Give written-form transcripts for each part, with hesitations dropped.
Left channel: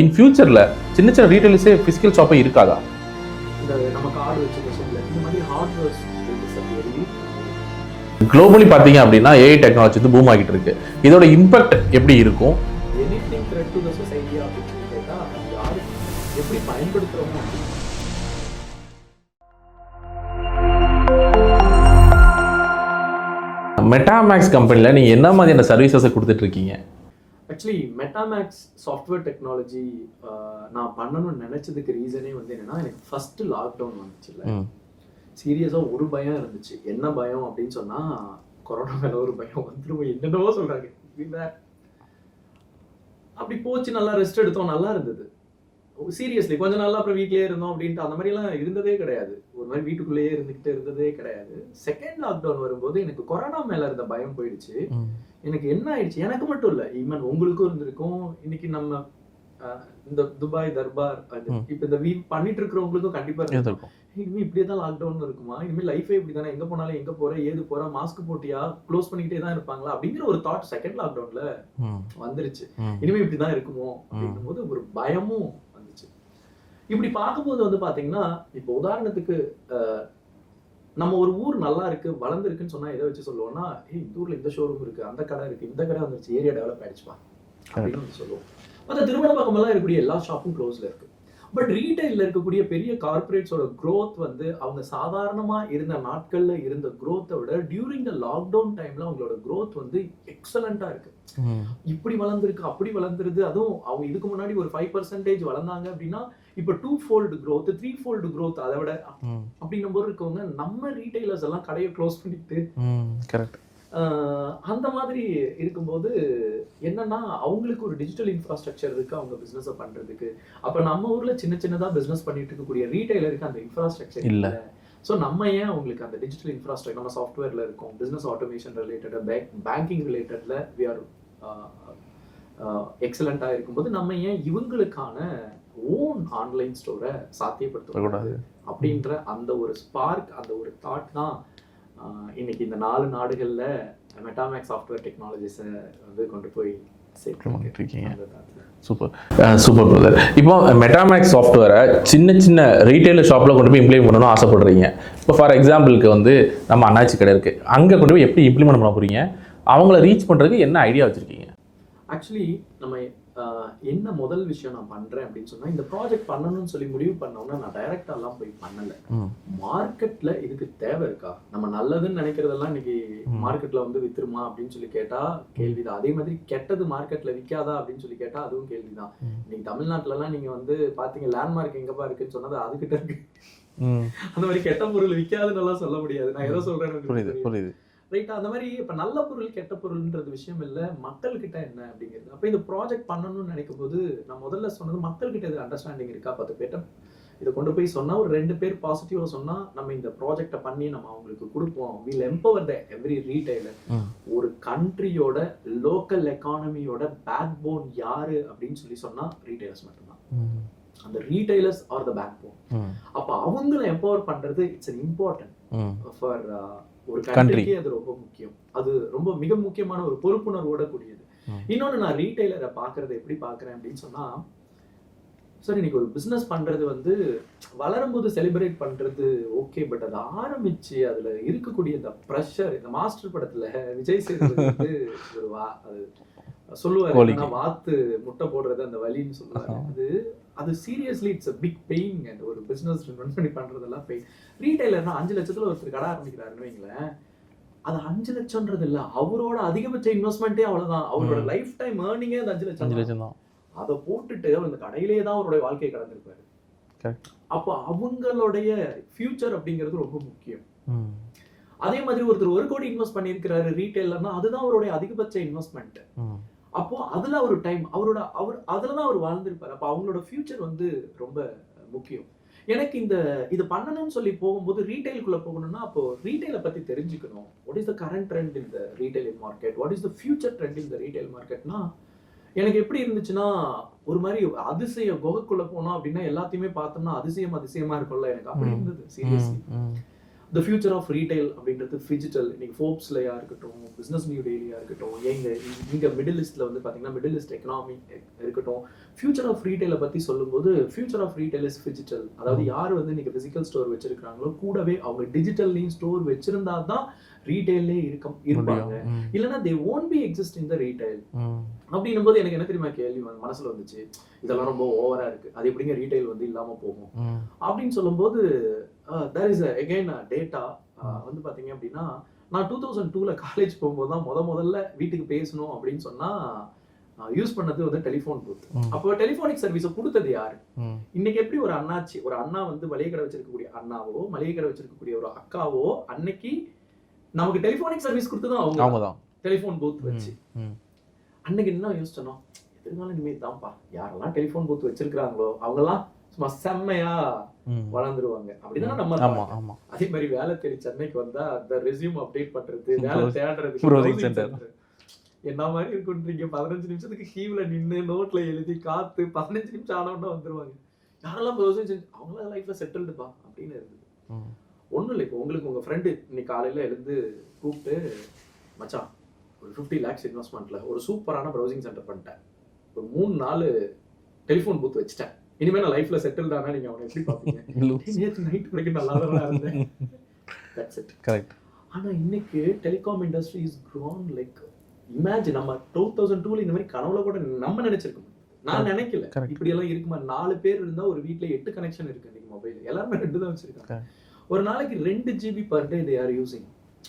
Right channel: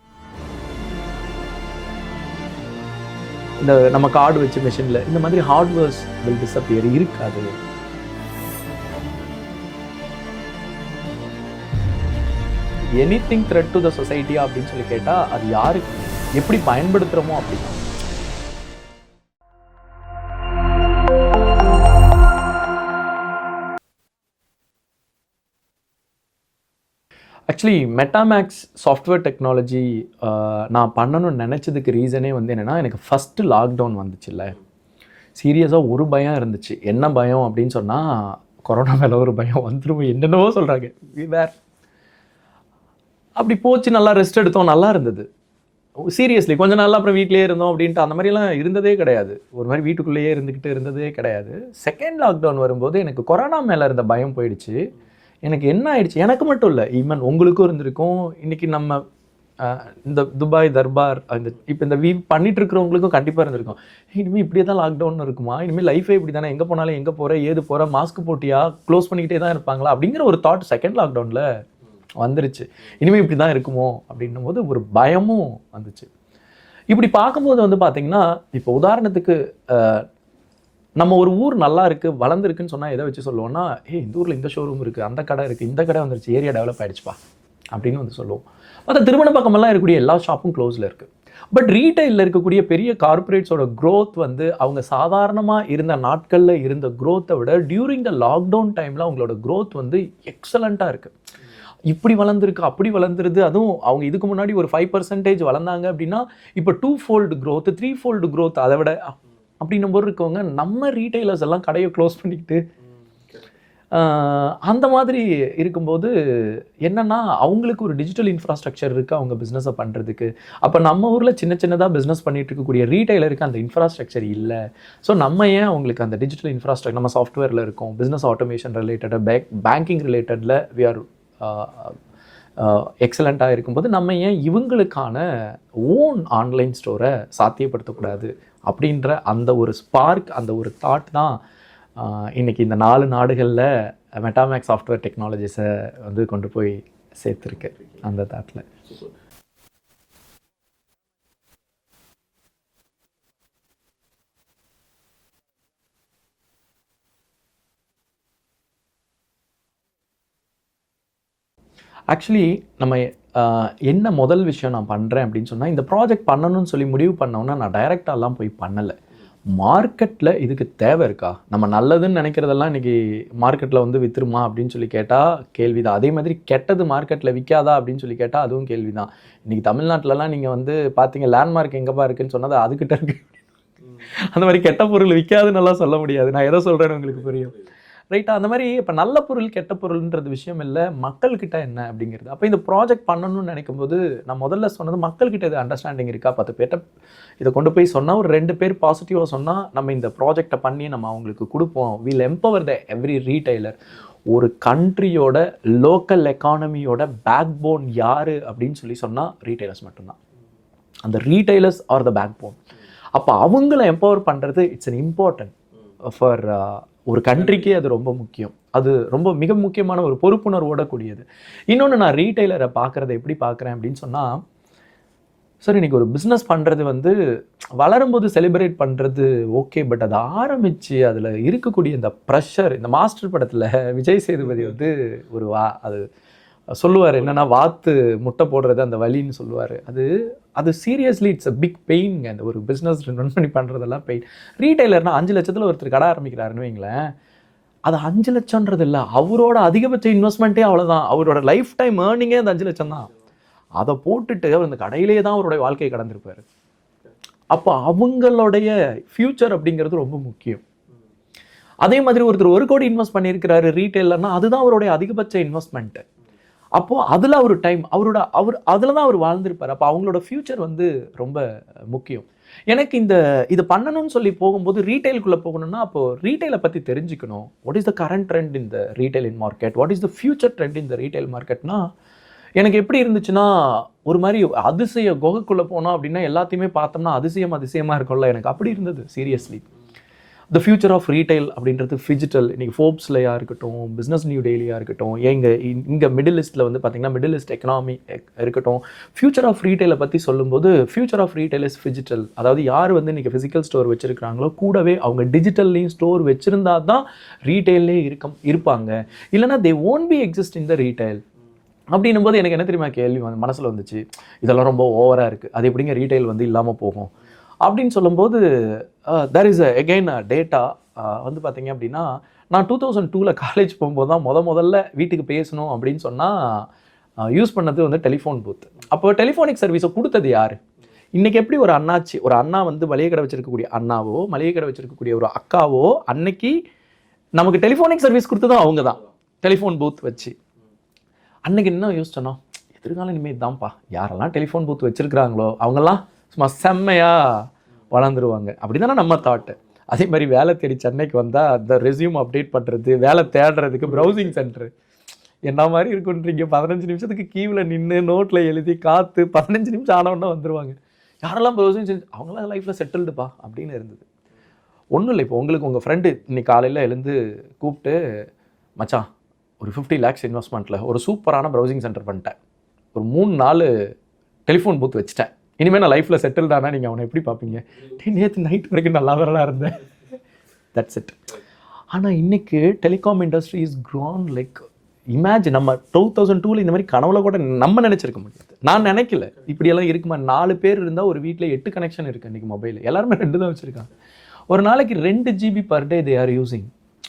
இன் ஃபியூச்சரில் சின்ன சின்ன ரீட்டைலர்ஸே ஃபிசிக்கல் ஷாப்பே இருக்காதா? இந்த நம்ம கார்டு வச்ச மிஷினில் இந்த மாதிரி ஹார்ட்வேர்ஸ் வில் டிஸப்பியர் இருக்காது. குளோபலி பார்த்தீங்க அப்படின்னா ஏஐ டெக்னாலஜி வந்து பூம் ஆகிட்டு இருக்கு. இதோட இம்பாக்ட் எப்படி இருக்கும்? Anything thread to the society அப்படின்னு சொல்லி கேட்டால் அது யாருக்கு எப்படி பயன்படுத்துகிறோமோ அப்படின்னு. மெட்டாமேக்ஸ் கம்பெனியில் நீங்கள் என்ன மாதிரியான சர்வீசஸை கொடுத்துட்ருக்கீங்க? ஆக்சுவலி மெட்டாமேக்ஸ் சாஃப்ட்வேர் டெக்னாலஜி நான் பண்ணணும்னு நினச்சதுக்கு ரீசனே வந்து என்னென்னா, எனக்கு ஃபஸ்ட்டு லாக்டவுன் வந்துச்சுல்ல, சீரியஸாக ஒரு பயம் இருந்துச்சு. என்ன பயம் அப்படின்னு சொன்னால், கொரோனா மேலே ஒரு பயம் வந்துடும், என்னென்னவோ சொல்கிறாங்க. வேறு அப்படி போச்சு, நல்லா ரெஸ்ட் எடுத்தோம், நல்லா இருந்தது. சீரியஸ்லி கொஞ்ச நாள் அப்புறம் வீட்டிலே இருந்தோம் அப்படின்ட்டு அந்த மாதிரிலாம் இருந்ததே கிடையாது. ஒரு மாதிரி வீட்டுக்குள்ளேயே இருந்துக்கிட்டு இருந்ததே கிடையாது. செகண்ட் லாக்டவுன் வரும்போது எனக்கு கொரோனா மேலே இருந்த பயம் போயிடுச்சு. எனக்கு என்ன ஆயிடுச்சு, எனக்கு மட்டும் இல்லை, ஈவன் உங்களுக்கும் இருந்திருக்கும். இன்னைக்கு நம்ம இந்த துபாய் தர்பார் அந்த இப்போ இந்த பண்ணிட்டு இருக்கிறவங்களுக்கும் கண்டிப்பாக இருந்திருக்கும். இனிமேல் இப்படியே தான் லாக்டவுன் இருக்குமா, இனிமேல் லைஃபே இப்படி தானே, எங்கே போனாலும் எங்கே போகிற ஏது போகிற, மாஸ்க் போட்டியா, க்ளோஸ் பண்ணிக்கிட்டே தான் இருப்பாங்களா அப்படிங்கிற ஒரு தாட் செகண்ட் லாக்டவுனில் வந்துருச்சு. இனிமேல் இப்படி தான் இருக்குமோ அப்படின்னும் போது ஒரு பயமும் வந்துச்சு. இப்படி பார்க்கும்போது வந்து பார்த்தீங்கன்னா, இப்போ உதாரணத்துக்கு நம்ம ஒரு ஊர் நல்லா இருக்குது வளர்ந்துருக்குன்னு சொன்னால் எதை வச்சு சொல்லுவோம்னா, இந்த ஊரில் இந்த ஷோரூம் இருக்குது, அந்த கடை இருக்குது, இந்த கடை வந்துருச்சு, ஏரியா டெவலப் ஆகிடுச்சுப்பா அப்படின்னு வந்து சொல்லுவோம். மற்ற திருமண பக்கமெல்லாம் இருக்கக்கூடிய எல்லா ஷாப்பும் க்ளோஸில் இருக்குது. பட் ரீட்டைலில் இருக்கக்கூடிய பெரிய கார்பரேட்ஸோட க்ரோத் வந்து அவங்க சாதாரணமாக இருந்த நாட்களில் இருந்த க்ரோத்தை விட டியூரிங் த லாக்டவுன் டைமில் அவங்களோட க்ரோத் வந்து எக்ஸலண்ட்டாக இருக்குது. இப்படி வளர்ந்துருக்கு, அப்படி வளர்ந்துருது. அதுவும் அவங்க இதுக்கு முன்னாடி ஒரு 5% வளர்ந்தாங்க அப்படின்னா இப்போ 2-fold growth 3-fold growth அதை விட அப்படின்னும் போது இருக்கவங்க நம்ம ரீட்டைலர்ஸ் எல்லாம் கடையை க்ளோஸ் பண்ணிக்கிட்டு கரெக்ட் அந்த மாதிரி இருக்கும்போது என்னன்னா, அவங்களுக்கு ஒரு டிஜிட்டல் இன்ஃப்ராஸ்ட்ரக்சர் இருக்குது அவங்க பிஸ்னஸை பண்ணுறதுக்கு. அப்போ நம்ம ஊரில் சின்ன சின்னதாக பிஸ்னஸ் பண்ணிட்டு இருக்கக்கூடிய ரீட்டைலருக்கு அந்த இன்ஃப்ராஸ்ட்ரக்சர் இல்லை. ஸோ நம்ம ஏன் அவங்களுக்கு அந்த டிஜிட்டல் இன்ஃப்ராஸ்ட்ரக்சர், நம்ம சாஃப்ட்வேரில் இருக்கோம், பிஸ்னஸ் ஆட்டோமேஷன் ரிலேட்டடாக பேங்கிங் ரிலேட்டடில் வி ஆர் எக்ஸலண்ட்டாக இருக்கும்போது நம்ம ஏன் இவங்களுக்கான ஓன் ஆன்லைன் ஸ்டோரை சாத்தியப்படுத்தக்கூடாது அப்படின்ற அந்த ஒரு ஸ்பார்க், அந்த ஒரு தாட் தான் இன்னைக்கு இந்த 4 நாடுகளில் மெட்டாமேக்ஸ் சாஃப்ட்வேர் டெக்னாலஜிஸை வந்து கொண்டு போய் சேர்த்துருக்கீங்க அந்த தாட்டில். Super brother. இப்போ மெட்டாமேக்ஸ் சாஃப்ட்வேரை சின்ன சின்ன ரீட்டைலர் ஷாப்பில் கொண்டு போய் இம்ப்ளிமெண்ட் பண்ணணும்னு ஆசைப்படுறீங்க. இப்போ ஃபார் எக்ஸாம்பிளுக்கு வந்து நம்ம அண்ணாச்சி கடை இருக்குது, அங்கே கொண்டு போய் எப்படி இம்ப்ளிமெண்ட் பண்ண போகிறீங்க, அவங்கள ரீச் பண்ணுறதுக்கு என்ன ஐடியா வச்சுருக்கீங்க? ஆக்சுவலி நம்ம என்ன முதல் விஷயம் நான் பண்ணுறேன் அப்படின்னு சொன்னால், இந்த ப்ராஜெக்ட் பண்ணணும்னு சொல்லி முடிவு பண்ணோன்னா நான் டைரெக்டாலாம் போய் பண்ணலை. மார்க்கெட்டில் இதுக்கு தேவை இருக்கா, நம்ம நல்லதுன்னு நினைக்கிறதெல்லாம் இன்றைக்கி மார்க்கெட்டில் வந்து விற்றுருமா அப்படின்னு சொல்லி கேட்டால் கேள்வி தான். அதே மாதிரி கெட்டது மார்க்கெட்டில் விற்காதா அப்படின்னு சொல்லி கேட்டால் அதுவும் கேள்வி தான். இன்றைக்கி தமிழ்நாட்டிலலாம் நீங்கள் வந்து பார்த்தீங்க, லேண்ட்மார்க் எங்கேப்பா இருக்குன்னு சொன்னது அதுக்கிட்ட இருக்கு. அந்த மாதிரி கெட்ட பொருள் விற்காதுன்னு எல்லாம் சொல்ல முடியாது. நான் எதை சொல்கிறேன்னு உங்களுக்கு புரியுது ரைட்டா? அந்த மாதிரி இப்போ நல்ல பொருள் கெட்ட பொருள்ன்றது விஷயம் இல்லை, மக்கள்கிட்ட என்ன அப்படிங்கிறது. அப்போ இந்த ப்ராஜெக்ட் பண்ணணும்னு நினைக்கும் போது நான் முதல்ல சொன்னது, மக்கள்கிட்ட இது அண்டர்ஸ்டாண்டிங் இருக்கா. 10 பேர்ட்ட இதை கொண்டு போய் சொன்னால் ஒரு 2 பேர் பாசிட்டிவாக சொன்னால் நம்ம இந்த ப்ராஜெக்டை பண்ணி நம்ம அவங்களுக்கு கொடுப்போம். Will empower the every retailer. ஒரு கண்ட்ரியோட லோக்கல் எக்கானமியோட பேக் போன் யார் அப்படின்னு சொல்லி சொன்னால் ரீட்டைலர்ஸ் மட்டும்தான். அந்த retailers are the backbone. அப்போ அவங்கள எம்பவர் பண்ணுறது இட்ஸ் அன் இம்பார்ட்டன்ட் ஃபார் ஒரு கண்ட்ரிக்கே அது ரொம்ப முக்கியம். அது ரொம்ப மிக முக்கியமான ஒரு பொறுப்புணர்வோட கூடியது. இன்னொன்று, நான் ரீட்டைலரை பார்க்குறத எப்படி பார்க்குறேன் அப்படின்னு சொன்னால், சார் இன்னைக்கு ஒரு பிஸ்னஸ் பண்ணுறது வந்து வளரும்போது செலிப்ரேட் பண்ணுறது ஓகே, பட் அதை ஆரம்பித்து அதில் இருக்கக்கூடிய இந்த ப்ரெஷர், இந்த மாஸ்டர் படத்தில் விஜய் சேதுபதி வந்து ஒரு அது சொல்லுவார், என்னன்னா வாத்து முட்டை போடுறது அந்த வலின்னு சொல்லுவார். அது seriously it's a big pain. அந்த ஒரு பிஸ்னஸ் ரன் பண்ணி பண்ணுறதெல்லாம் பெயின். ரீட்டைலர்னா 5 லட்சத்தில் ஒருத்தர் கடை ஆரம்பிக்கிறாருன்னு வைங்களேன், அது 5 லட்சம்ன்றது இல்லை, அவரோட அதிகபட்ச இன்வெஸ்ட்மெண்ட்டே அவ்வளோதான். அவரோட லைஃப் டைம் ஏர்னிங்கே அந்த 5 லட்சம் தான். அதை போட்டுட்டு அவர் அந்த கடையிலேயே தான் அவருடைய வாழ்க்கையை கடந்திருப்பாரு. அப்போ அவங்களுடைய ஃபியூச்சர் அப்படிங்கிறது ரொம்ப முக்கியம். அதே மாதிரி ஒருத்தர் 1 கோடி இன்வெஸ்ட் பண்ணியிருக்கிறாரு ரீட்டைலர்னா, அதுதான் அவருடைய அதிகபட்ச இன்வெஸ்ட்மெண்ட்டு. அப்போது அதில் அவர் டைம் அவர் அதில் தான் அவர் வாழ்ந்திருப்பார். அப்போ அவங்களோட ஃப்யூச்சர் வந்து ரொம்ப முக்கியம். எனக்கு இது பண்ணணும்னு சொல்லி போகும்போது ரீட்டைலுக்குள்ளே போகணும்னா, அப்போது ரீட்டைலை பற்றி தெரிஞ்சுக்கணும். What is the current trend in the retail in market, what is the future trend in the retail மார்க்கெட்னா, எனக்கு எப்படி இருந்துச்சுன்னா, ஒரு மாதிரி அதிசய குகைக்குள்ளே போனோம் அப்படின்னா எல்லாத்தையுமே பார்த்தோம்னா அதிசயமாக இருக்கும்ல, எனக்கு அப்படி இருந்தது seriously. The future of retail அப்படின்றது ஃபிஜிட்டல். இன்றைக்கி ஃபோர்ப்ஸ்லையாக இருக்கட்டும், பிஸ்னஸ் நியூ டெய்லியாக இருக்கட்டும், இங்கே மிடில் ஈஸ்ட்டில் வந்து பார்த்திங்கன்னா மிடில் ஈஸ்ட் எக்கனாமி இருக்கட்டும், ஃபியூச்சர் ஆஃப் ரீட்டைலை பற்றி சொல்லும்போது ஃபியூச்சர் ஆஃப் ரீட்டைல் இஸ் ஃபிஜிட்டல். அதாவது யார் வந்து இன்றைக்கி ஃபிசிக்கல் ஸ்டோர் வச்சுருக்காங்களோ கூடவே அவங்க டிஜிட்டல்லையும் ஸ்டோர் வச்சுருந்தா தான் ரீட்டைல்லே இருப்பாங்க. இல்லைனா they won't be exist in the retail. அப்படின்னும் போது எனக்கு என்ன தெரியுமா கேள்வி மனசில் வந்துச்சு, இதெல்லாம் ரொம்ப ஓவராக இருக்குது, அது எப்படிங்க ரீட்டைல் வந்து இல்லாமல் போகும் அப்படின்னு சொல்லும்போது தேர் இஸ் அகெயின் டேட்டா வந்து பார்த்தீங்க அப்படின்னா, நான் 2002 காலேஜ் போகும்போது தான் முதல்ல வீட்டுக்கு பேசணும் அப்படின்னு சொன்னால் யூஸ் பண்ணது வந்து டெலிஃபோன் பூத். அப்போ டெலிஃபோனிக் சர்வீஸை கொடுத்தது யார்? இன்னைக்கு எப்படி ஒரு அண்ணா வந்து மளிகை கடை வச்சிருக்கக்கூடிய அண்ணாவோ, மளிகை கடை வச்சிருக்கக்கூடிய ஒரு அக்காவோ அன்னைக்கு நமக்கு டெலிஃபோனிக் சர்வீஸ் கொடுத்ததும் அவங்க தான், டெலிஃபோன் பூத் வச்சு. அன்னைக்கு என்ன யோசிச்சோன்னா, எதிர்காலம் இனிமேல் தான்ப்பா, யாரெல்லாம் டெலிஃபோன் பூத் வச்சிருக்கிறாங்களோ அவங்கெல்லாம் சும்மா செம்மையா வளர்ந்துருவாங்க அப்படிதானே நம்ம தாட். அதே மாதிரி வேலை தேடி சென்னைக்கு வந்தா அந்த ரெஸ்யூம் அப்டேட் பண்றது, வேலை தேடுறதுக்கு ப்ரௌசிங் சென்டர் என்ன மாதிரி இருக்குன்றீங்க. 15 நிமிஷத்துக்கு கீவில் நின்று நோட்டில் எழுதி காத்து 15 நிமிஷம் ஆனவொன்னா வந்துருவாங்க. யாரெல்லாம் ப்ரௌசிங் சென்டர் அவங்களாம் லைஃப்ல செட்டில்டுப்பா அப்படின்னு இருந்தது. ஒன்றும் இல்லை, இப்போ உங்களுக்கு உங்கள் ஃப்ரெண்டு இன்னைக்கு காலையில் எழுந்து கூப்பிட்டு, மச்சான் ஒரு 50 lakhs இன்வெஸ்ட்மெண்ட்டில் ஒரு சூப்பரான ப்ரௌசிங் சென்டர் பண்ணிட்டேன், ஒரு 3-4 டெலிஃபோன் பூத் வச்சுட்டேன், இனிமேல் நான் லைஃப்பில் செட்டில்டானா நீங்கள் அவனை எப்படி பார்ப்பீங்க? நேற்று நைட் வரைக்கும் நல்லா வரலாம் இருந்தேன். That's it. கரெக்ட். ஆனால் இன்னைக்கு telecom industry is grown like imagine. நம்ம 2002 இந்த மாதிரி கனவுல கூட நம்ம நினைச்சிருக்க முடியாது. நான் நினைக்கல இப்படியெல்லாம் இருக்குமா. 4 பேர் இருந்தால் ஒரு வீட்டில் 8 கனெக்ஷன் இருக்குது இன்றைக்கி. மொபைல் எல்லாருமே 2 தான் வச்சுருக்காங்க. ஒரு நாளைக்கு 2 GB per day they are using.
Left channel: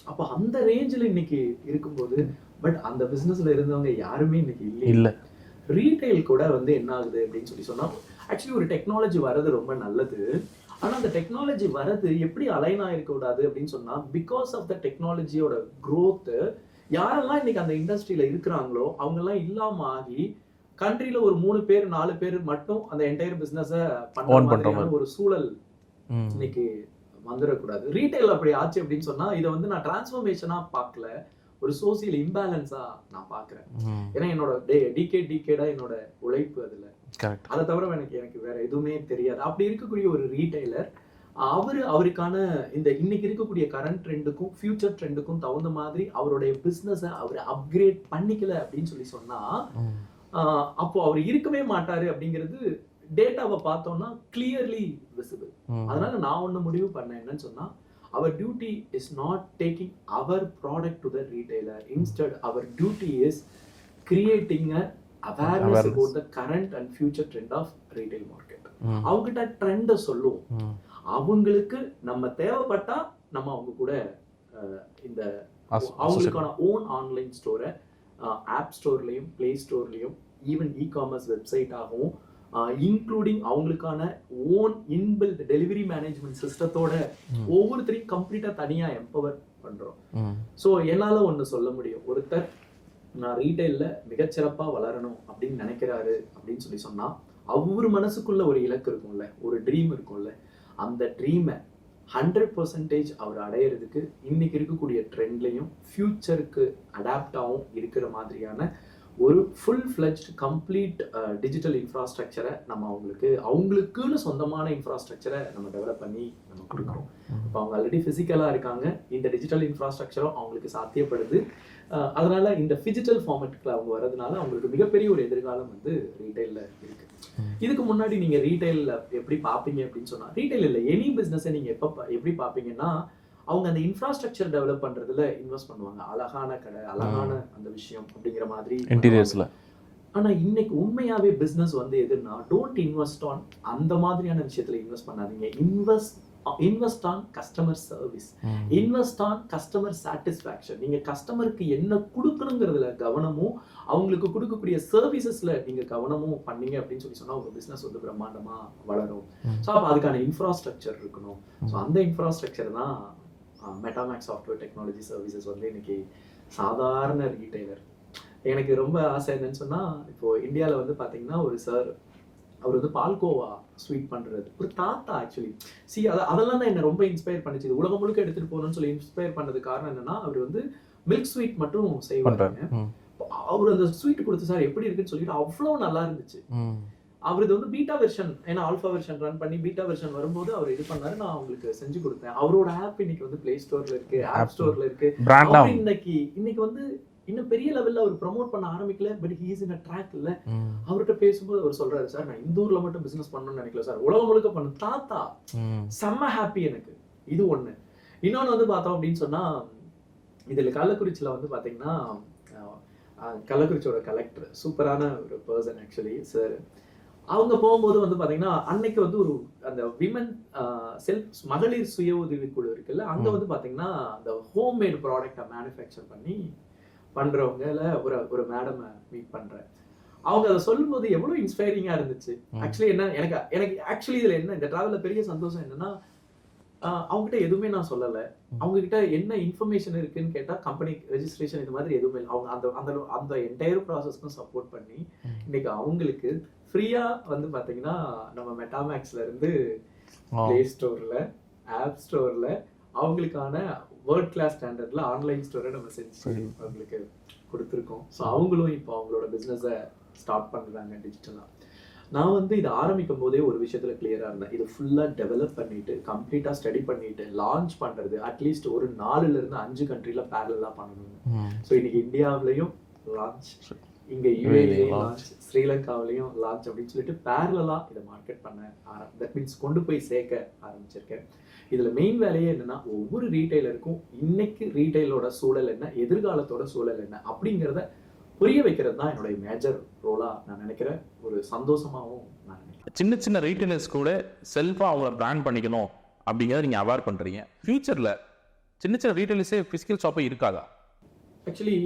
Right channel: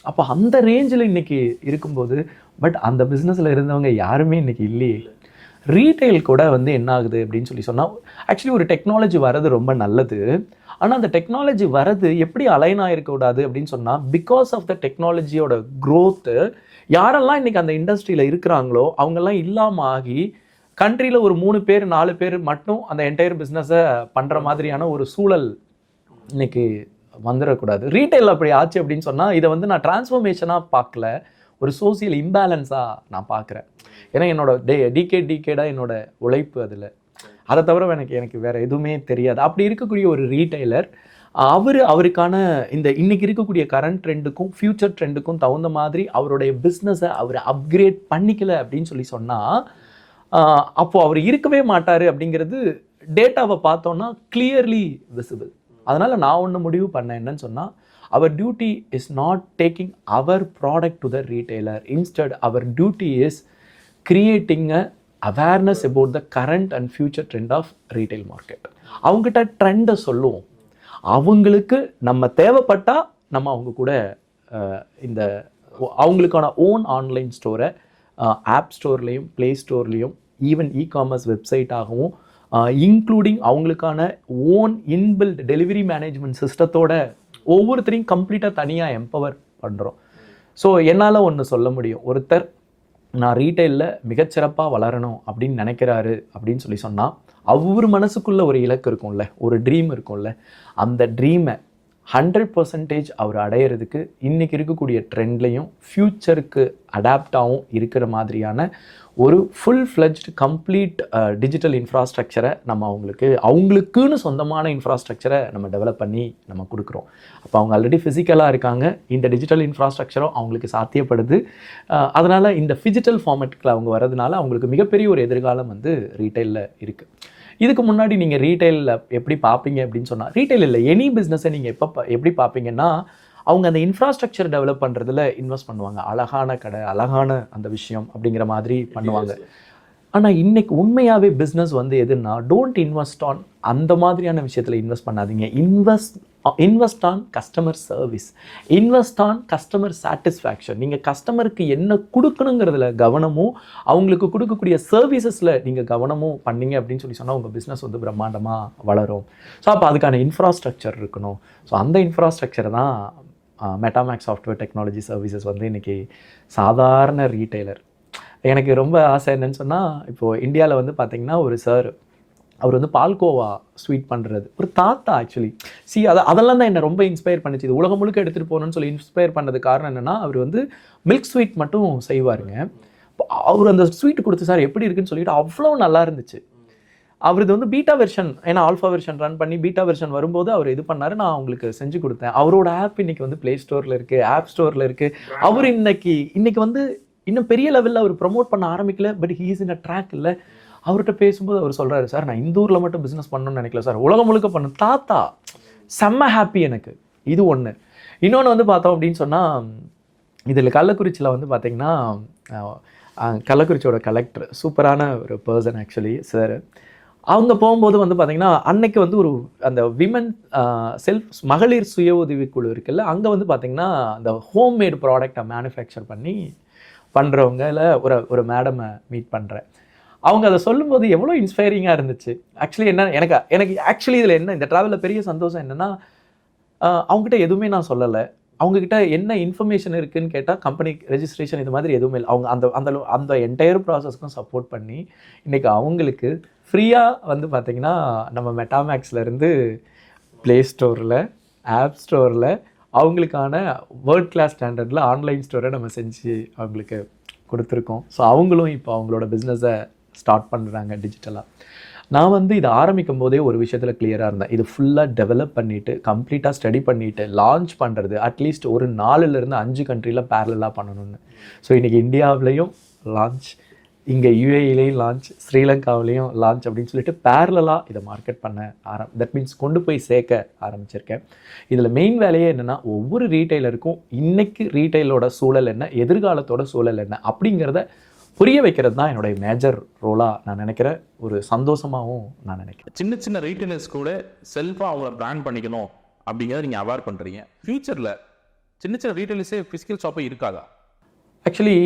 அப்போ அந்த ரேஞ்சில் இன்னைக்கு இருக்கும்போது, பட் அந்த பிஸ்னஸில் இருந்தவங்க யாருமே இன்னைக்கு இல்லை. ரீட்டைல் கூட வந்து என்ன ஆகுது அப்படின்னு சொன்னால், ஆக்சுவலி ஒரு டெக்னாலஜி வர்றது ரொம்ப நல்லது. ஆனால் அந்த டெக்னாலஜி வர்றது எப்படி அலைன் ஆகிருக்கக்கூடாது அப்படின்னு சொன்னால், பிகாஸ் ஆஃப் த டெக்னாலஜியோட க்ரோத்து யாரெல்லாம் இன்னைக்கு அந்த இண்டஸ்ட்ரியில் இருக்கிறாங்களோ அவங்கெல்லாம் இல்லாமல் ஆகி கண்ட்ரியில் ஒரு 3 பேர் 4 பேர் மட்டும் அந்த என்டையர் பிஸ்னஸை பண்ணுற மாதிரியான ஒரு சூழல் இன்னைக்கு வந்துடக்கூடாது. ரீட்டைல் அப்படி ஆச்சு அப்படின்னு சொன்னால், இதை வந்து நான் டிரான்ஸ்ஃபர்மேஷனாக பார்க்கல, ஒரு சோசியல் இம்பேலன்ஸாக நான் பார்க்குறேன். ஏன்னா என்னோட டிகேடாக என்னோட உழைப்பு அதில், அதை தவிர எனக்கு வேற எதுவுமே தெரியாது. அப்படி இருக்கக்கூடிய ஒரு ரீட்டைலர் அவருக்கான இந்த இன்னைக்கு இருக்கக்கூடிய கரண்ட் ட்ரெண்டுக்கும் ஃபியூச்சர் ட்ரெண்டுக்கும் தகுந்த மாதிரி அவருடைய பிஸ்னஸை அவர் அப்கிரேட் பண்ணிக்கல அப்படின்னு சொன்னால், அப்போது அவர் இருக்கவே மாட்டார் அப்படிங்கிறது டேட்டாவை பார்த்தோன்னா கிளியர்லி விசிபிள். அதனால நான் ஒன்று முடிவு பண்ணேன் என்னன்னு சொன்னால், our duty is not taking our product to the retailer. Instead our duty is creating a awareness about the current and future trend of retail market. அவங்ககிட்ட ட்ரெண்டை சொல்லுவோம், அவங்களுக்கு நம்ம தேவைப்பட்டா நம்ம அவங்க கூட இந்த அவங்களுக்கான ஓன் ஆன்லைன் ஸ்டோரை ஆப் ஸ்டோர்லேயும் ப்ளே ஸ்டோர்லேயும் ஈவன் இ-காமர்ஸ் வெப்சைட்டாகவும் இன்க்ளூடிங் அவங்களுக்கான ஓன் இன்பில்ட் டெலிவரி மேனேஜ்மெண்ட் சிஸ்டத்தோட ஒவ்வொருத்தரையும் கம்ப்ளீட்டாக தனியாக எம்பவர் பண்ணுறோம். ஸோ என்னால் ஒன்று சொல்ல முடியும், ஒருத்தர் நான் ரீட்டைலில் மிகச்சிறப்பாக வளரணும் அப்படின்னு நினைக்கிறாரு அப்படின்னு சொன்னால், அவர் மனசுக்குள்ள ஒரு இலக்கு இருக்கும்ல, ஒரு ட்ரீம் இருக்கும்ல, அந்த ட்ரீமை 100% அவர் அடையிறதுக்கு இன்றைக்கி இருக்கக்கூடிய ட்ரெண்ட்லையும் ஃப்யூச்சருக்கு அடாப்டாகவும் இருக்கிற மாதிரியான ஒரு ஃபுல் ஃப்ளெஜ்டு கம்ப்ளீட் டிஜிட்டல் இன்ஃப்ராஸ்ட்ரக்சரை நம்ம அவங்களுக்குன்னு சொந்தமான இன்ஃப்ராஸ்ட்ரக்சரை நம்ம டெவலப் பண்ணி நம்ம கொடுக்குறோம். அப்போ அவங்க ஆல்ரெடி ஃபிசிக்கலாக இருக்காங்க, இந்த டிஜிட்டல் இன்ஃப்ராஸ்ட்ரக்சரும் அவங்களுக்கு சாத்தியப்படுது. அதனால் இந்த ஃபிஜிட்டல் ஃபார்மேட்டில் அவங்க வரதுனால அவங்களுக்கு மிகப்பெரிய ஒரு எதிர்காலம் வந்து ரீட்டைலில் இருக்குது. இதுக்கு முன்னாடி நீங்கள் ரீட்டைலில் எப்படி பார்ப்பீங்க அப்படின்னு சொன்னால், ரீட்டைல் இல்லை எனி பிஸ்னஸை நீங்கள் எப்படி பார்ப்பீங்கன்னா, அவங்க அந்த இன்ஃப்ராஸ்ட்ரக்சர் டெவலப் பண்ணுறதுல இன்வெஸ்ட் பண்ணுவாங்க. அழகான கடை, அழகான அந்த விஷயம் அப்படிங்கிற மாதிரி பண்ணுவாங்க. ஆனால் இன்னைக்கு உண்மையாகவே பிஸ்னஸ் வந்து எதுன்னா, டோன்ட் இன்வெஸ்ட் ஆன் அந்த மாதிரியான விஷயத்தில் இன்வெஸ்ட் பண்ணாதீங்க. Invest on customer service, invest on customer satisfaction. நீங்கள் கஸ்டமருக்கு என்ன கொடுக்கணுங்கிறதுல கவனமும், அவங்களுக்கு கொடுக்கக்கூடிய சர்வீசஸில் நீங்கள் கவனமும் பண்ணீங்க அப்படின்னு சொன்னால் உங்கள் பிஸ்னஸ் வந்து பிரம்மாண்டமாக வளரும். ஸோ அப்போ அதுக்கான இன்ஃப்ராஸ்ட்ரக்சர் இருக்கணும். ஸோ அந்த இன்ஃப்ராஸ்ட்ரக்சர் தான் மெட்டாமேக்ஸ் சாஃப்ட்வேர் டெக்னாலஜி சர்வீசஸ் வந்து இன்றைக்கி சாதாரண ரீட்டைலர். எனக்கு ரொம்ப ஆசை என்னன்னு சொன்னால், இப்போது இந்தியாவில் வந்து பார்த்திங்கன்னா ஒரு சார், அவர் வந்து பால்கோவா ஸ்வீட் பண்ணுறது ஒரு தாத்தா. ஆக்சுவலி அதெல்லாம் தான் என்னை ரொம்ப இன்ஸ்பயர் பண்ணிச்சு. இது உலகம் முழுக்க எடுத்துகிட்டு போகணும்னு சொல்லி இன்ஸ்பயர் பண்ணது காரணம் என்னென்னா, அவர் வந்து மில்க் ஸ்வீட் மட்டும் செய்வாருங்க. அவர் அந்த ஸ்வீட் கொடுத்து, சார் எப்படி இருக்குன்னு சொல்லிட்டு அவ்வளோ நல்லா இருந்துச்சு. அவரது வந்து பீட்டா வெர்ஷன், ஏன்னா ஆல்ஃபா வெர்ஷன் ரன் பண்ணி பீட்டா வெர்ஷன் வரும்போது அவர் இது பண்ணாரு, நான் அவங்களுக்கு செஞ்சு கொடுத்தேன். அவரோட ஆப் இன்னைக்கு வந்து பிளே ஸ்டோர்ல இருக்கு, ஆப் ஸ்டோர்ல இருக்கு. அவர் இன்னைக்கு வந்து இன்னும் பெரிய லெவல்ல அவர் ப்ரமோட் பண்ண ஆரம்பிக்கல, but he is in a track. இல்ல அவர்கிட்ட பேசும்போது அவர் சொல்றாரு, சார் நான் இந்த ஊர்ல மட்டும் பிசினஸ் பண்ணணும்னு நினைக்கல சார், உலகம் முழுக்க பண்ணு. தாத்தா செம்ம ஹாப்பி எனக்கு. இது ஒண்ணு. இன்னொன்னு வந்து பார்த்தோம் அப்படின்னு சொன்னா, இதில் கள்ளக்குறிச்சியில் வந்து பார்த்தீங்கன்னா கள்ளக்குறிச்சியோட கலெக்டர் சூப்பரான ஒரு பர்சன் ஆக்சுவலி சார். அவங்க போகும்போது வந்து பார்த்தீங்கன்னா அன்னைக்கு வந்து ஒரு அந்த விமன் மகளிர் சுய உதவிக்குழு இருக்குல்ல, அங்கே வந்து பார்த்தீங்கன்னா அந்த ஹோம்மேட் ப்ராடக்டை மேனுஃபேக்சர் பண்ணி பண்ணுறவங்கள ஒரு மேடமை மீட் பண்ணுறேன். அவங்க அதை சொல்லும்போது எவ்வளோ இன்ஸ்பைரிங்காக இருந்துச்சு. ஆக்சுவலி என்ன எனக்கு ஆக்சுவலி இதில் என்ன இந்த ட்ராவலில் பெரிய சந்தோஷம் என்னென்னா, அவங்ககிட்ட எதுவுமே நான் சொல்லலை. அவங்ககிட்ட என்ன இன்ஃபர்மேஷன் இருக்குன்னு கேட்டால் கம்பெனி ரெஜிஸ்ட்ரேஷன் இது மாதிரி எதுவுமே இல்லை. அவங்க அந்த அந்த என்டையர் ப்ராசஸ்க்கும் சப்போர்ட் பண்ணி இன்னைக்கு அவங்களுக்கு ஃப்ரீயாக வந்து பார்த்தீங்கன்னா நம்ம மெட்டாமேக்ஸ்லேருந்து ப்ளே ஸ்டோரில், ஆப் ஸ்டோரில் அவங்களுக்கான வேர்ல்ட் கிளாஸ் ஸ்டாண்டர்டில் ஆன்லைன் ஸ்டோரை நம்ம செஞ்சு அவங்களுக்கு கொடுத்துருக்கோம். ஸோ அவங்களும் இப்போ அவங்களோட பிஸ்னஸை ஸ்டார்ட் பண்ணுறாங்க டிஜிட்டலாக. நான் வந்து இதை ஆரம்பிக்கும் போதே ஒரு விஷயத்தில் கிளியராக இருந்தேன். இது ஃபுல்லாக டெவலப் பண்ணிவிட்டு கம்ப்ளீட்டாக ஸ்டடி பண்ணிவிட்டு லான்ச் பண்ணுறது அட்லீஸ்ட் ஒரு 4லேருந்து 5 கண்ட்ரியில் பேரலாக பண்ணணும்னு. ஸோ இன்றைக்கி இந்தியாவிலையும் லான்ச், இங்கே யூஏஇலையும் லான்ச், ஸ்ரீலங்காவிலையும் லான்ச் அப்படின்னு சொல்லிட்டு பேரலாக இதை மார்க்கெட் பண்ண தட் மீன்ஸ் கொண்டு போய் சேர்க்க ஆரம்பிச்சிருக்கேன். இதில் மெயின் வேலையே என்னென்னா, ஒவ்வொரு ரீட்டைலருக்கும் இன்றைக்கி ரீட்டைலோட சூழல் என்ன, எதிர்காலத்தோட சூழல் என்ன அப்படிங்கிறத புரிய வைக்கிறது தான் என்னுடைய மேஜர் ரோலாக நான் நினைக்கிறேன். ஒரு சந்தோஷமாகவும் நான் நினைக்கிறேன். சின்ன சின்ன ரீட்டைலர்ஸ் கூட செல்ஃபாக அவங்கள பிராண்ட் பண்ணிக்கணும் அப்படிங்கிறத நீங்கள் அவேர் பண்ணுறீங்க. ஃபியூச்சரில் சின்ன சின்ன ரீட்டைலர்ஸே ஃபிசிக்கல் ஷாப்பே இருக்காதா? ஆக்சுவலி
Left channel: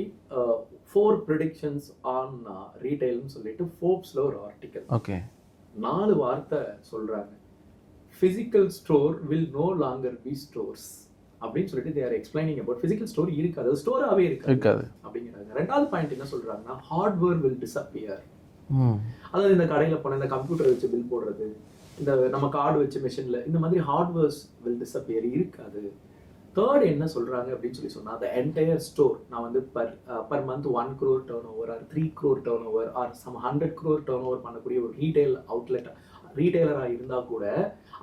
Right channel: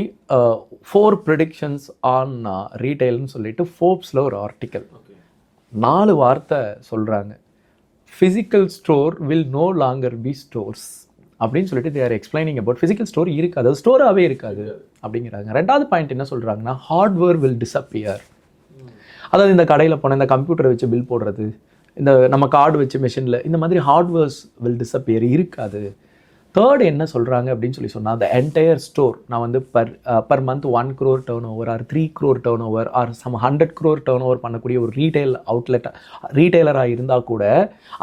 4 ப்ரெடிக்ஷன்ஸ் ஆன் ரீட்டைல்னு சொல்லிட்டு ஃபோர்ப்ஸில் ஒரு ஆர்டிக்கல் 4 வார்த்தை சொல்கிறாங்க. Physical store will know longer B stores அப்படின்னு சொல்லிட்டு they are explaining about physical store இருக்காது, அது ஸ்டோராகவே இருக்காது அப்படிங்கிறாங்க. 2வது பாயிண்ட் என்ன சொல்கிறாங்கன்னா, ஹார்ட்வேர் வில் டிஸப்பியர். அதாவது இந்த கடையில் போன இந்த கம்ப்யூட்டரை வச்சு பில் போடுறது, இந்த நம்ம கார்டு வச்சு மெஷினில் இந்த மாதிரி ஹார்ட்வேர்ஸ் வில் டிஸப்பியர் இருக்காது. 3rd என்ன சொல்கிறாங்க அப்படின்னு சொன்னால், the entire store நான் வந்து per month 1 crore turnover or 3 crore turnover or some 100 crore turnover பண்ணக்கூடிய ஒரு ரீட்டைலராக இருந்தால் கூட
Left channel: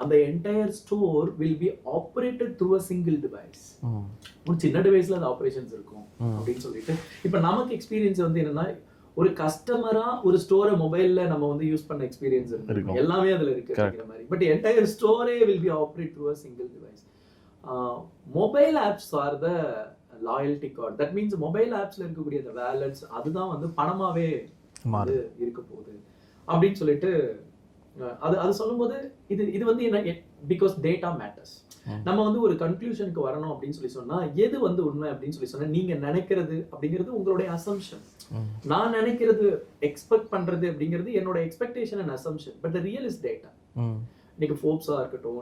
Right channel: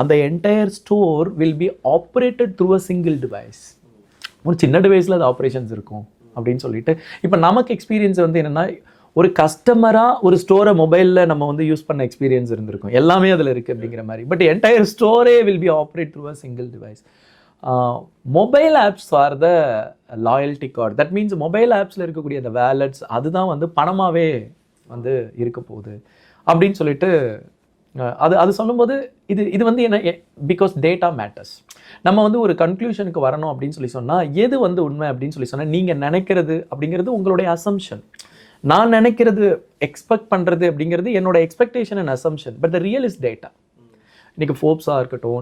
அந்த entire store will be operated through a single device. ஒரு சின்ன டிவைஸில் அது ஆப்ரேஷன்ஸ் இருக்கும் அப்படின்னு சொல்லிட்டு, இப்போ நமக்கு எக்ஸ்பீரியன்ஸ் வந்து என்னென்னா, ஒரு கஸ்டமராக ஒரு ஸ்டோரை மொபைலில் நம்ம வந்து யூஸ் பண்ண எக்ஸ்பீரியன்ஸ் இருந்திருக்கும், எல்லாமே அதில் இருக்குது அப்படிங்கிற மாதிரி. பட் என்டையர் ஸ்டோரே will be operate through a single device. Mobile apps are the loyalty card. That means mobile ஆப்ஸில் இருக்கக்கூடிய அந்த வேலட்ஸ் அதுதான் வந்து பணமாகவே வந்து இருக்க போகுது அப்படின்னு சொல்லிட்டு அது சொல்லும்போது இது வந்து என்ன, பிகாஸ் டேட்டா மேட்டர்ஸ். நம்ம வந்து ஒரு கன்க்ளூஷனுக்கு வரணும் அப்படின்னு சொன்னால், எது வந்து உண்மை அப்படின்னு சொன்னால், நீங்கள் நினைக்கிறது அப்படிங்கிறது உங்களுடைய அசம்ஷன், நான் நினைக்கிறது எக்ஸ்பெக்ட் பண்ணுறது அப்படிங்கிறது என்னோட expectation and assumption. But the real is data. இன்றைக்கி ஃபோர்ப்ஸாக இருக்கட்டும்,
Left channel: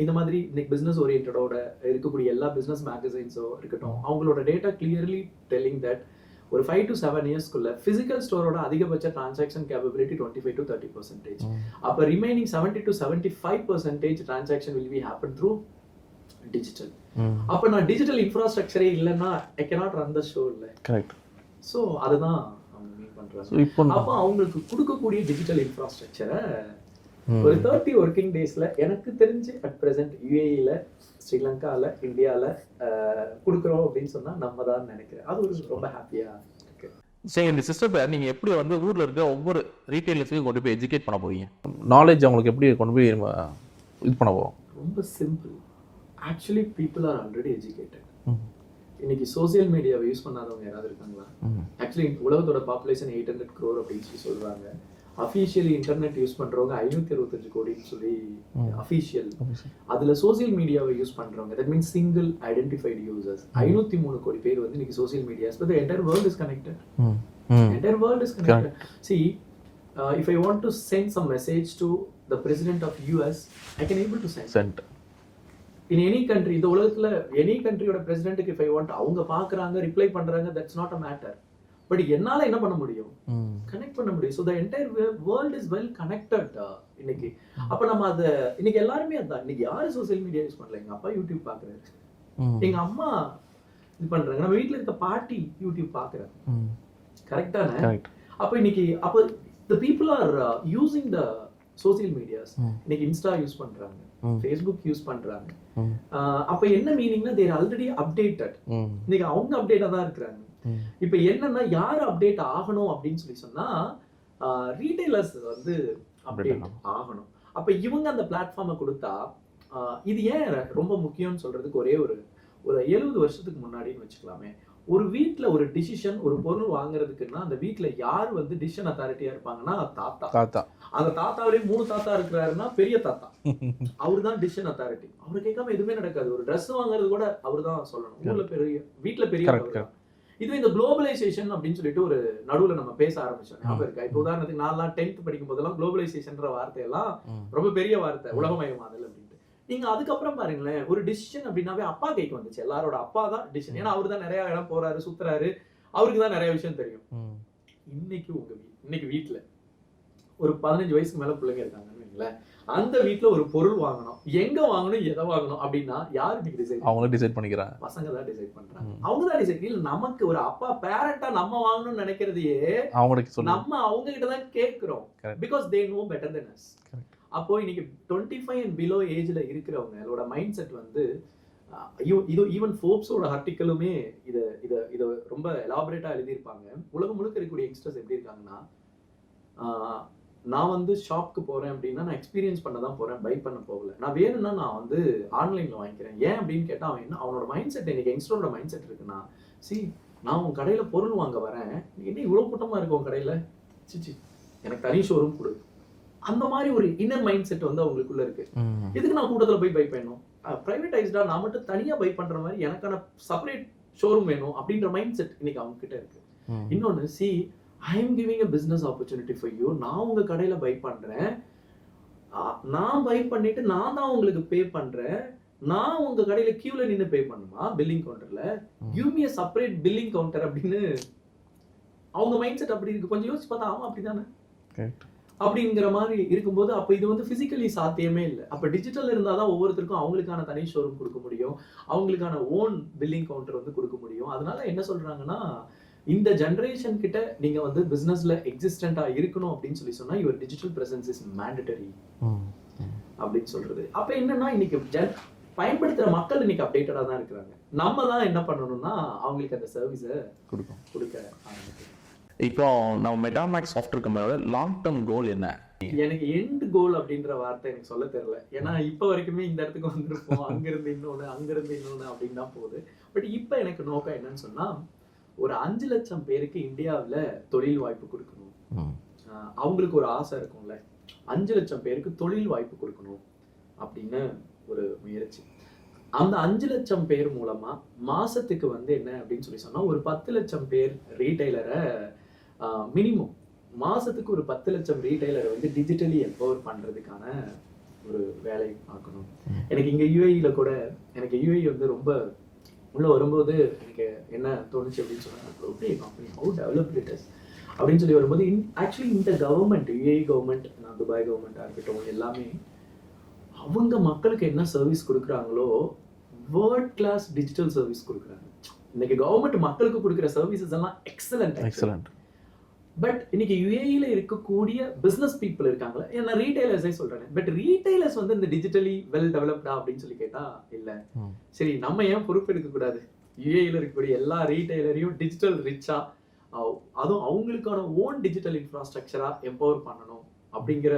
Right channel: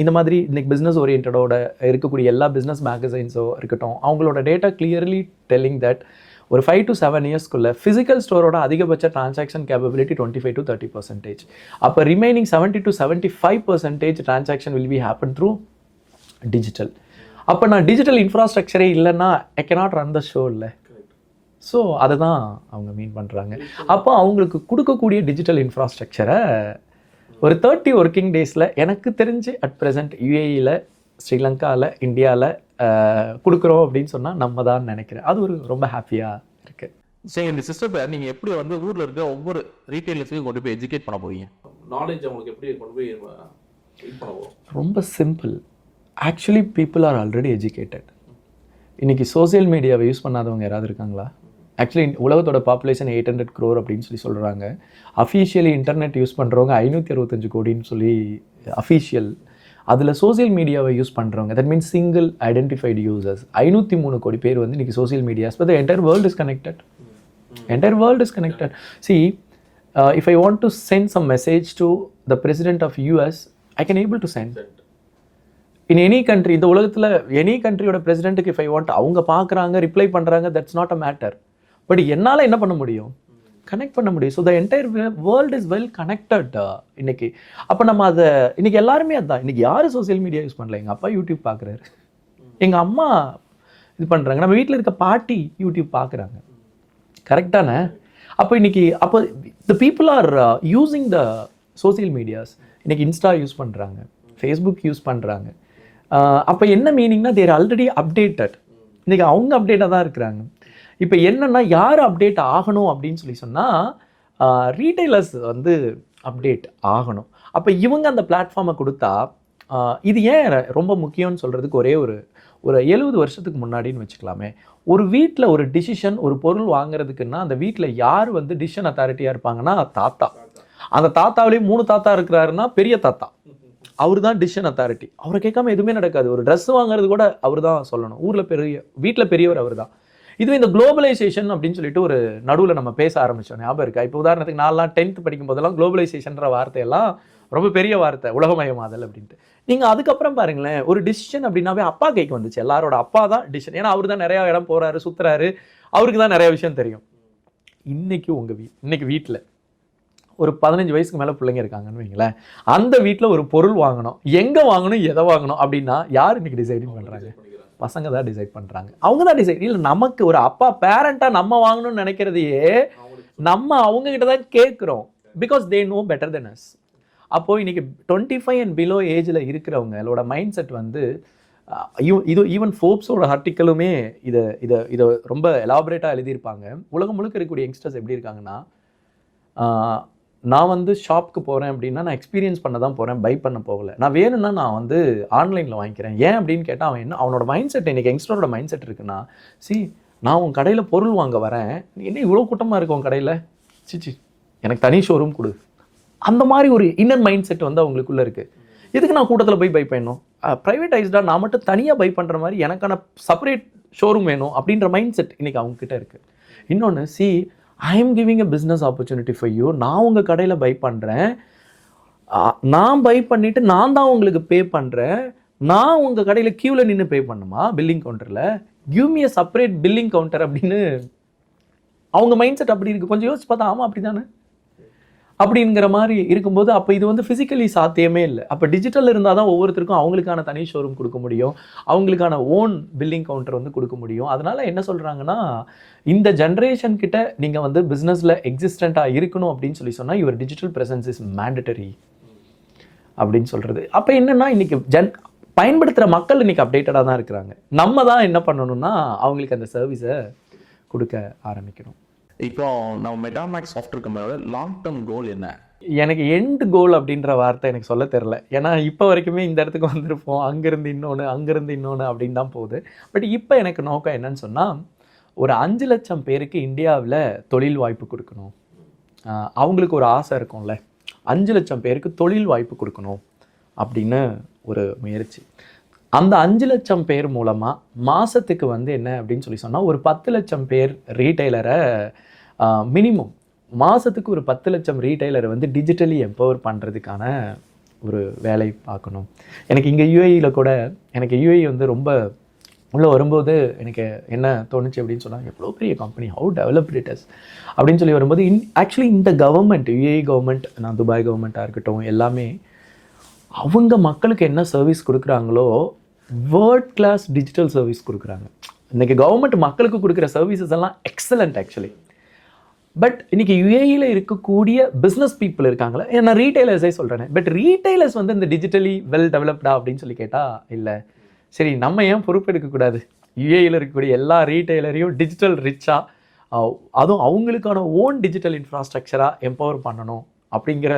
இந்த மாதிரி இன்றைக்கி பிஸ்னஸ் ஓரியன்டோட இருக்கக்கூடிய எல்லா பிஸ்னஸ் மேகசைன்ஸோ இருக்கட்டும், அவங்களோட டேட்டா கிளியர்லி டெல்லிங் தட் ஒரு 5 to 7 இயர்ஸ்க்குள்ளே ஃபிசிக்கல் ஸ்டோரோட அதிகபட்ச டிரான்சாக்ஷன் கேப்பபிலிட்டி 25 to 30%. அப்போ remaining 70 to 75% transaction will be happen through digital. அப்போ நான் டிஜிட்டல் இன்ஃப்ராஸ்ட்ரக்சரே இல்லைன்னா I cannot run the show. இல்லை, கரெக்ட். ஸோ அதை தான் அவங்க மீன் பண்ணுறாங்க. அப்போ அவங்களுக்கு கொடுக்கக்கூடிய டிஜிட்டல் இன்ஃப்ராஸ்ட்ரக்சரை ஒரு 30 ஒர்க்கிங் டேஸில் எனக்கு தெரிஞ்சு அட் ப்ரெசென்ட் யூஏஇயில், ஸ்ரீலங்காவில், இந்தியாவில் கொடுக்குறோம் அப்படின்னு சொன்னால் நம்ம தான் நினைக்கிறேன். அது ஒரு ரொம்ப ஹாப்பியாக இருக்குது. சரி, இந்த சிஸ்டத்தை நீங்கள் எப்படி வந்து ஊரில் இருக்க ஒவ்வொரு ரீட்டைலர்ஸையும் கொண்டு போய் எஜுகேட் பண்ண போகிறீங்க? நாலேஜ் அவங்களுக்கு எப்படி கொண்டு போய் இது பண்ண போகிறோம்? ரொம்ப simple. Actually people are already educated. இன்றைக்கி சோசியல் மீடியாவை யூஸ் பண்ணாதவங்க யாராவது இருக்காங்களா? ஆக்சுவலி உலகத்தோட பாப்புலேஷன் 800 crore அப்படின்னு சொல்கிறாங்க. அஃபீஷியலி இன்டர்நெட் யூஸ் பண்ணுறவங்க 565 கோடின்னு சொல்லி அஃபீஷியல். அதில் சோசியல் மீடியாவை யூஸ் பண்ணுறவங்க, that means single identified users 503 கோடி பேர் வந்து இன்றைக்கி social medias. But the entire world is connected. Entire world is connected. C, if I want to send some message to the president of US, I can able to send. In any country, இந்த உலகத்தில் any கண்ட்ரியோட பிரசிடென்ட்டுக்கு if I want, அவங்க பார்க்குறாங்க, reply பண்ணுறாங்க, that's not a matter. But என்னால் என்ன பண்ண முடியும்? Connect பண்ண முடியும். So the entire world is well connected இன்னைக்கு. அப்போ நம்ம அதை இன்னைக்கு எல்லாருமே அதுதான். இன்னைக்கு யாரும் சோசியல் மீடியா யூஸ் பண்ணல. எங்கள் அப்பா யூடியூப் பார்க்குறாரு, எங்கள் அம்மா இது பண்ணுறாங்க, நம்ம வீட்டில் இருக்க பாட்டி யூடியூப் பார்க்குறாங்க. கரெக்டான? அப்போ இன்னைக்கு அப்போ the people are using the social medias. இன்னைக்கு இன்ஸ்டா யூஸ் பண்ணுறாங்க, ஃபேஸ்புக் யூஸ் பண்ணுறாங்க. அப்போ என்ன மீனிங்னா தேர் ஆல்ரெடி அப்டேட்டட். இன்னைக்கு அவங்க அப்டேட்டாக தான் இருக்கிறாங்க. இப்போ என்னன்னா யார் அப்டேட் ஆகணும் அப்படின்னு சொல்லி சொன்னால் ரீட்டைலர்ஸ் வந்து அப்டேட் ஆகணும். அப்போ இவங்க அந்த பிளாட்ஃபார்மை கொடுத்தா இது ஏன் ரொம்ப முக்கியம்னு சொல்கிறதுக்கு ஒரே ஒரு 70 வருஷத்துக்கு முன்னாடின்னு வச்சுக்கலாமே, ஒரு வீட்டில் ஒரு டிசிஷன் ஒரு பொருள் வாங்குறதுக்குன்னா அந்த வீட்டில் யார் வந்து டிசிஷன் அத்தாரிட்டியாக இருப்பாங்கன்னா தாத்தா. அந்த தாத்தாவிலேயே 3 தாத்தா இருக்கிறாருன்னா பெரிய தாத்தா, அவர் தான் டிசிஷன் அத்தாரிட்டி. அவரை கேட்காம எதுவுமே நடக்காது. ஒரு ட்ரெஸ் வாங்குறது கூட அவர் தான் சொல்லணும். வீட்டில் பெரியவர் அவர் தான். இதுவே இந்த குளோபலைசேஷன் அப்படின்னு சொல்லிட்டு ஒரு நடுவில் நம்ம பேச ஆரம்பிச்சோம், ஞாபகம் இருக்கா? இப்போ உதாரணத்துக்கு நான்லாம் 10th படிக்கும் போதெல்லாம் குளோபலைசேஷன்ற வார்த்தையெல்லாம் ரொம்ப பெரிய வார்த்தை, உலகமயமாதல் அப்படின்ட்டு. நீங்க அதுக்கப்புறம் பாருங்களேன், ஒரு டிசிஷன் அப்படின்னாவே அப்பா கைக்கு வந்துச்சு. எல்லாரோட அப்பா தான் டிசிஷன். ஏன்னா அவரு தான் நிறைய இடம் போறாரு, சுத்துறாரு, அவருக்கு தான் நிறைய விஷயம் தெரியும். இன்னைக்கு இன்னைக்கு வீட்டில் ஒரு 15 வயசுக்கு மேல பிள்ளைங்க இருக்காங்கன்னு வைங்களேன், அந்த வீட்டில் ஒரு பொருள் வாங்கணும், எங்க வாங்கணும், எதை வாங்கணும் அப்படின்னா யார் இன்னைக்கு டிசைட்? அவங்க டிசைட் பண்ணிக்கிறாங்க. பசங்க தான் டிசைட் பண்றாங்க. அவங்க தான் டிசைட். இல்ல நமக்கு ஒரு அப்பா பேரண்டா நம்ம வாங்கணும்னு நினைக்கிறதையே நம்ம அவங்க கிட்ட தான் கேட்கிறோம். Because they know better than us. அப்போ இன்னைக்கு 25 அண்ட் பிலோ ஏஜ்ல இருக்கிறவங்களோட மைண்ட் செட் வந்து இது ஈவன் ஃபோர்ப்ஸோட ஆர்டிக்கலுமே இதை ரொம்ப எலாபரேட்டாக எழுதியிருப்பாங்க. உலகம் முழுக்க இருக்கக்கூடிய யங்ஸ்டர்ஸ் எப்படி இருக்காங்கன்னா, நான் வந்து ஷாப்புக்கு போகிறேன் அப்படின்னா நான் எக்ஸ்பீரியன்ஸ் பண்ண தான் போகிறேன், பை பண்ண போகலை. நான் வேணும்னா நான் வந்து ஆன்லைனில் வாங்கிக்கிறேன். ஏன் அப்படின்னு கேட்டால் அவனோட மைண்ட் செட், இன்னைக்கு யங்ஸ்டரோட மைண்ட் செட் இருக்குன்னா, நான் உன் கடையில் பொருள் வாங்க வரேன், என்ன இவ்வளோ கூட்டமாக இருக்கு உன் கடையில், சிச்சி எனக்கு தனி ஷோரூம் கொடு. அந்த மாதிரி ஒரு இன்னர் மைண்ட் செட் வந்து அவங்களுக்குள்ள இருக்கு. எதுக்கு நான் கூட்டத்தில் போய் பை பண்ணணும், ப்ரைவேட்டைஸ்டாக நான் மட்டும் தனியாக பை பண்ணுற மாதிரி எனக்கான செப்பரேட் ஷோரூம் வேணும் அப்படின்ற மைண்ட் செட் இன்னைக்கு அவங்க கிட்ட இருக்கு. இன்னொன்று, I am giving a business opportunity for you. நான் உங்கள் கடையில் பை பண்ணுறேன், நான் பை பண்ணிவிட்டு நான் தான் உங்களுக்கு பே பண்ணுறேன். நான் உங்கள் கடையில் க்யூவில் நின்று பே பண்ணுமா பில்லிங் கவுண்டரில்? Give me a separate billing counter அப்படின்னு அவங்க மைண்ட் செட் அப்படி இருக்குது. கொஞ்சம் யோசிச்சு பார்த்தா ஆமாம் அப்படி தானே அப்படிங்கிற மாதிரி இருக்கும்போது, அப்போ இது வந்து ஃபிசிக்கலி சாத்தியமே இல்லை. அப்போ டிஜிட்டல் இருந்தால் தான் ஒவ்வொருத்தருக்கும் அவங்களுக்கான தனி ஷோரூம் கொடுக்க முடியும், அவங்களுக்கான ஓன் பில்லிங் கவுண்டர் வந்து கொடுக்க முடியும். அதனால என்ன சொல்கிறாங்கன்னா, இந்த ஜென்ரேஷன் கிட்ட நீங்கள் வந்து பிஸ்னஸில் எக்ஸிஸ்டண்ட்டாக இருக்கணும் அப்படின்னு சொன்னால் your digital presence is mandatory அப்படின்னு சொல்கிறது. அப்போ என்னென்னா, இன்னைக்கு பயன்படுத்துகிற மக்கள் இன்னைக்கு அப்டேட்டடாக தான் இருக்கிறாங்க. நம்ம தான் என்ன பண்ணணும்னா அவங்களுக்கு அந்த சர்வீஸை கொடுக்க ஆரம்பிக்கணும். இப்போ நம்ம மெட்டாமேக்ஸ் சாஃப்ட்வேர் கம்பெனியோட லாங் டேர்ம் கோல் என்ன? எனக்கு எண்ட் கோல் அப்படின்ற வார்த்தை எனக்கு சொல்ல தெரில. ஏன்னா இப்போ வரைக்குமே இந்த இடத்துக்கு வந்திருப்போம், அங்கேருந்து இன்னொன்று அப்படின்னு தான் போகுது. பட் இப்போ எனக்கு நோக்கம் என்னன்னு சொன்னால், ஒரு 5 லட்சம் பேருக்கு இந்தியாவில் தொழில் வாய்ப்பு கொடுக்கணும். அவங்களுக்கு ஒரு ஆசை இருக்கும்ல, 5 லட்சம் பேருக்கு தொழில் வாய்ப்பு கொடுக்கணும் அப்படின்னு ஒரு முயற்சி. அந்த 5 லட்சம் பேர் மூலமாக மாதத்துக்கு வந்து என்ன அப்படின்னு சொன்னால், ஒரு 10 லட்சம் பேர் ரீட்டைலரை மினிமம் மாதத்துக்கு ஒரு 10 லட்சம் ரீட்டைலரை வந்து டிஜிட்டலி எம்பவர் பண்ணுறதுக்கான ஒரு வேலை பார்க்கணும். எனக்கு இங்கே யூஏஇயில் கூட, எனக்கு யூஏஇ வந்து ரொம்ப உள்ளே வரும்போது எனக்கு என்ன தோணுச்சு அப்படின்னு சொன்னாங்க, எவ்வளோ பெரிய company, how developed it is அப்படின்னு சொல்லி வரும்போது, ஆக்சுவலி இந்த கவர்மெண்ட், யூஏஇ கவர்மெண்ட், நான் துபாய் கவர்மெண்ட்டாக இருக்கட்டும், எல்லாமே அவங்க மக்களுக்கு என்ன சர்வீஸ் கொடுக்குறாங்களோ வேர்ல்ட் கிளாஸ் டிஜிட்டல் சர்வீஸ் கொடுக்குறாங்க. இன்றைக்கி கவர்மெண்ட் மக்களுக்கு கொடுக்குற சர்வீசஸ் எல்லாம் எக்ஸலண்ட். பட் இன்னைக்கு யுஏஇயில் இருக்கக்கூடிய பிஸ்னஸ் பீப்புள் இருக்காங்களே, நான் ரீட்டைலர்ஸே சொல்கிறேன், பட் ரீட்டைலர்ஸ் வந்து இந்த டிஜிட்டலி வெல் டெவலப்டா அப்படின்னு சொல்லி கேட்டால் இல்லை. சரி, நம்ம ஏன் பொறுப்பு எடுக்கக்கூடாது? யுஏஇயில் இருக்கக்கூடிய எல்லா ரீட்டைலரையும் டிஜிட்டல் ரிச்சாக, அதுவும் அவங்களுக்கான ஓன் டிஜிட்டல் இன்ஃப்ராஸ்ட்ரக்சராக எம்பவர் பண்ணணும் அப்படிங்கிற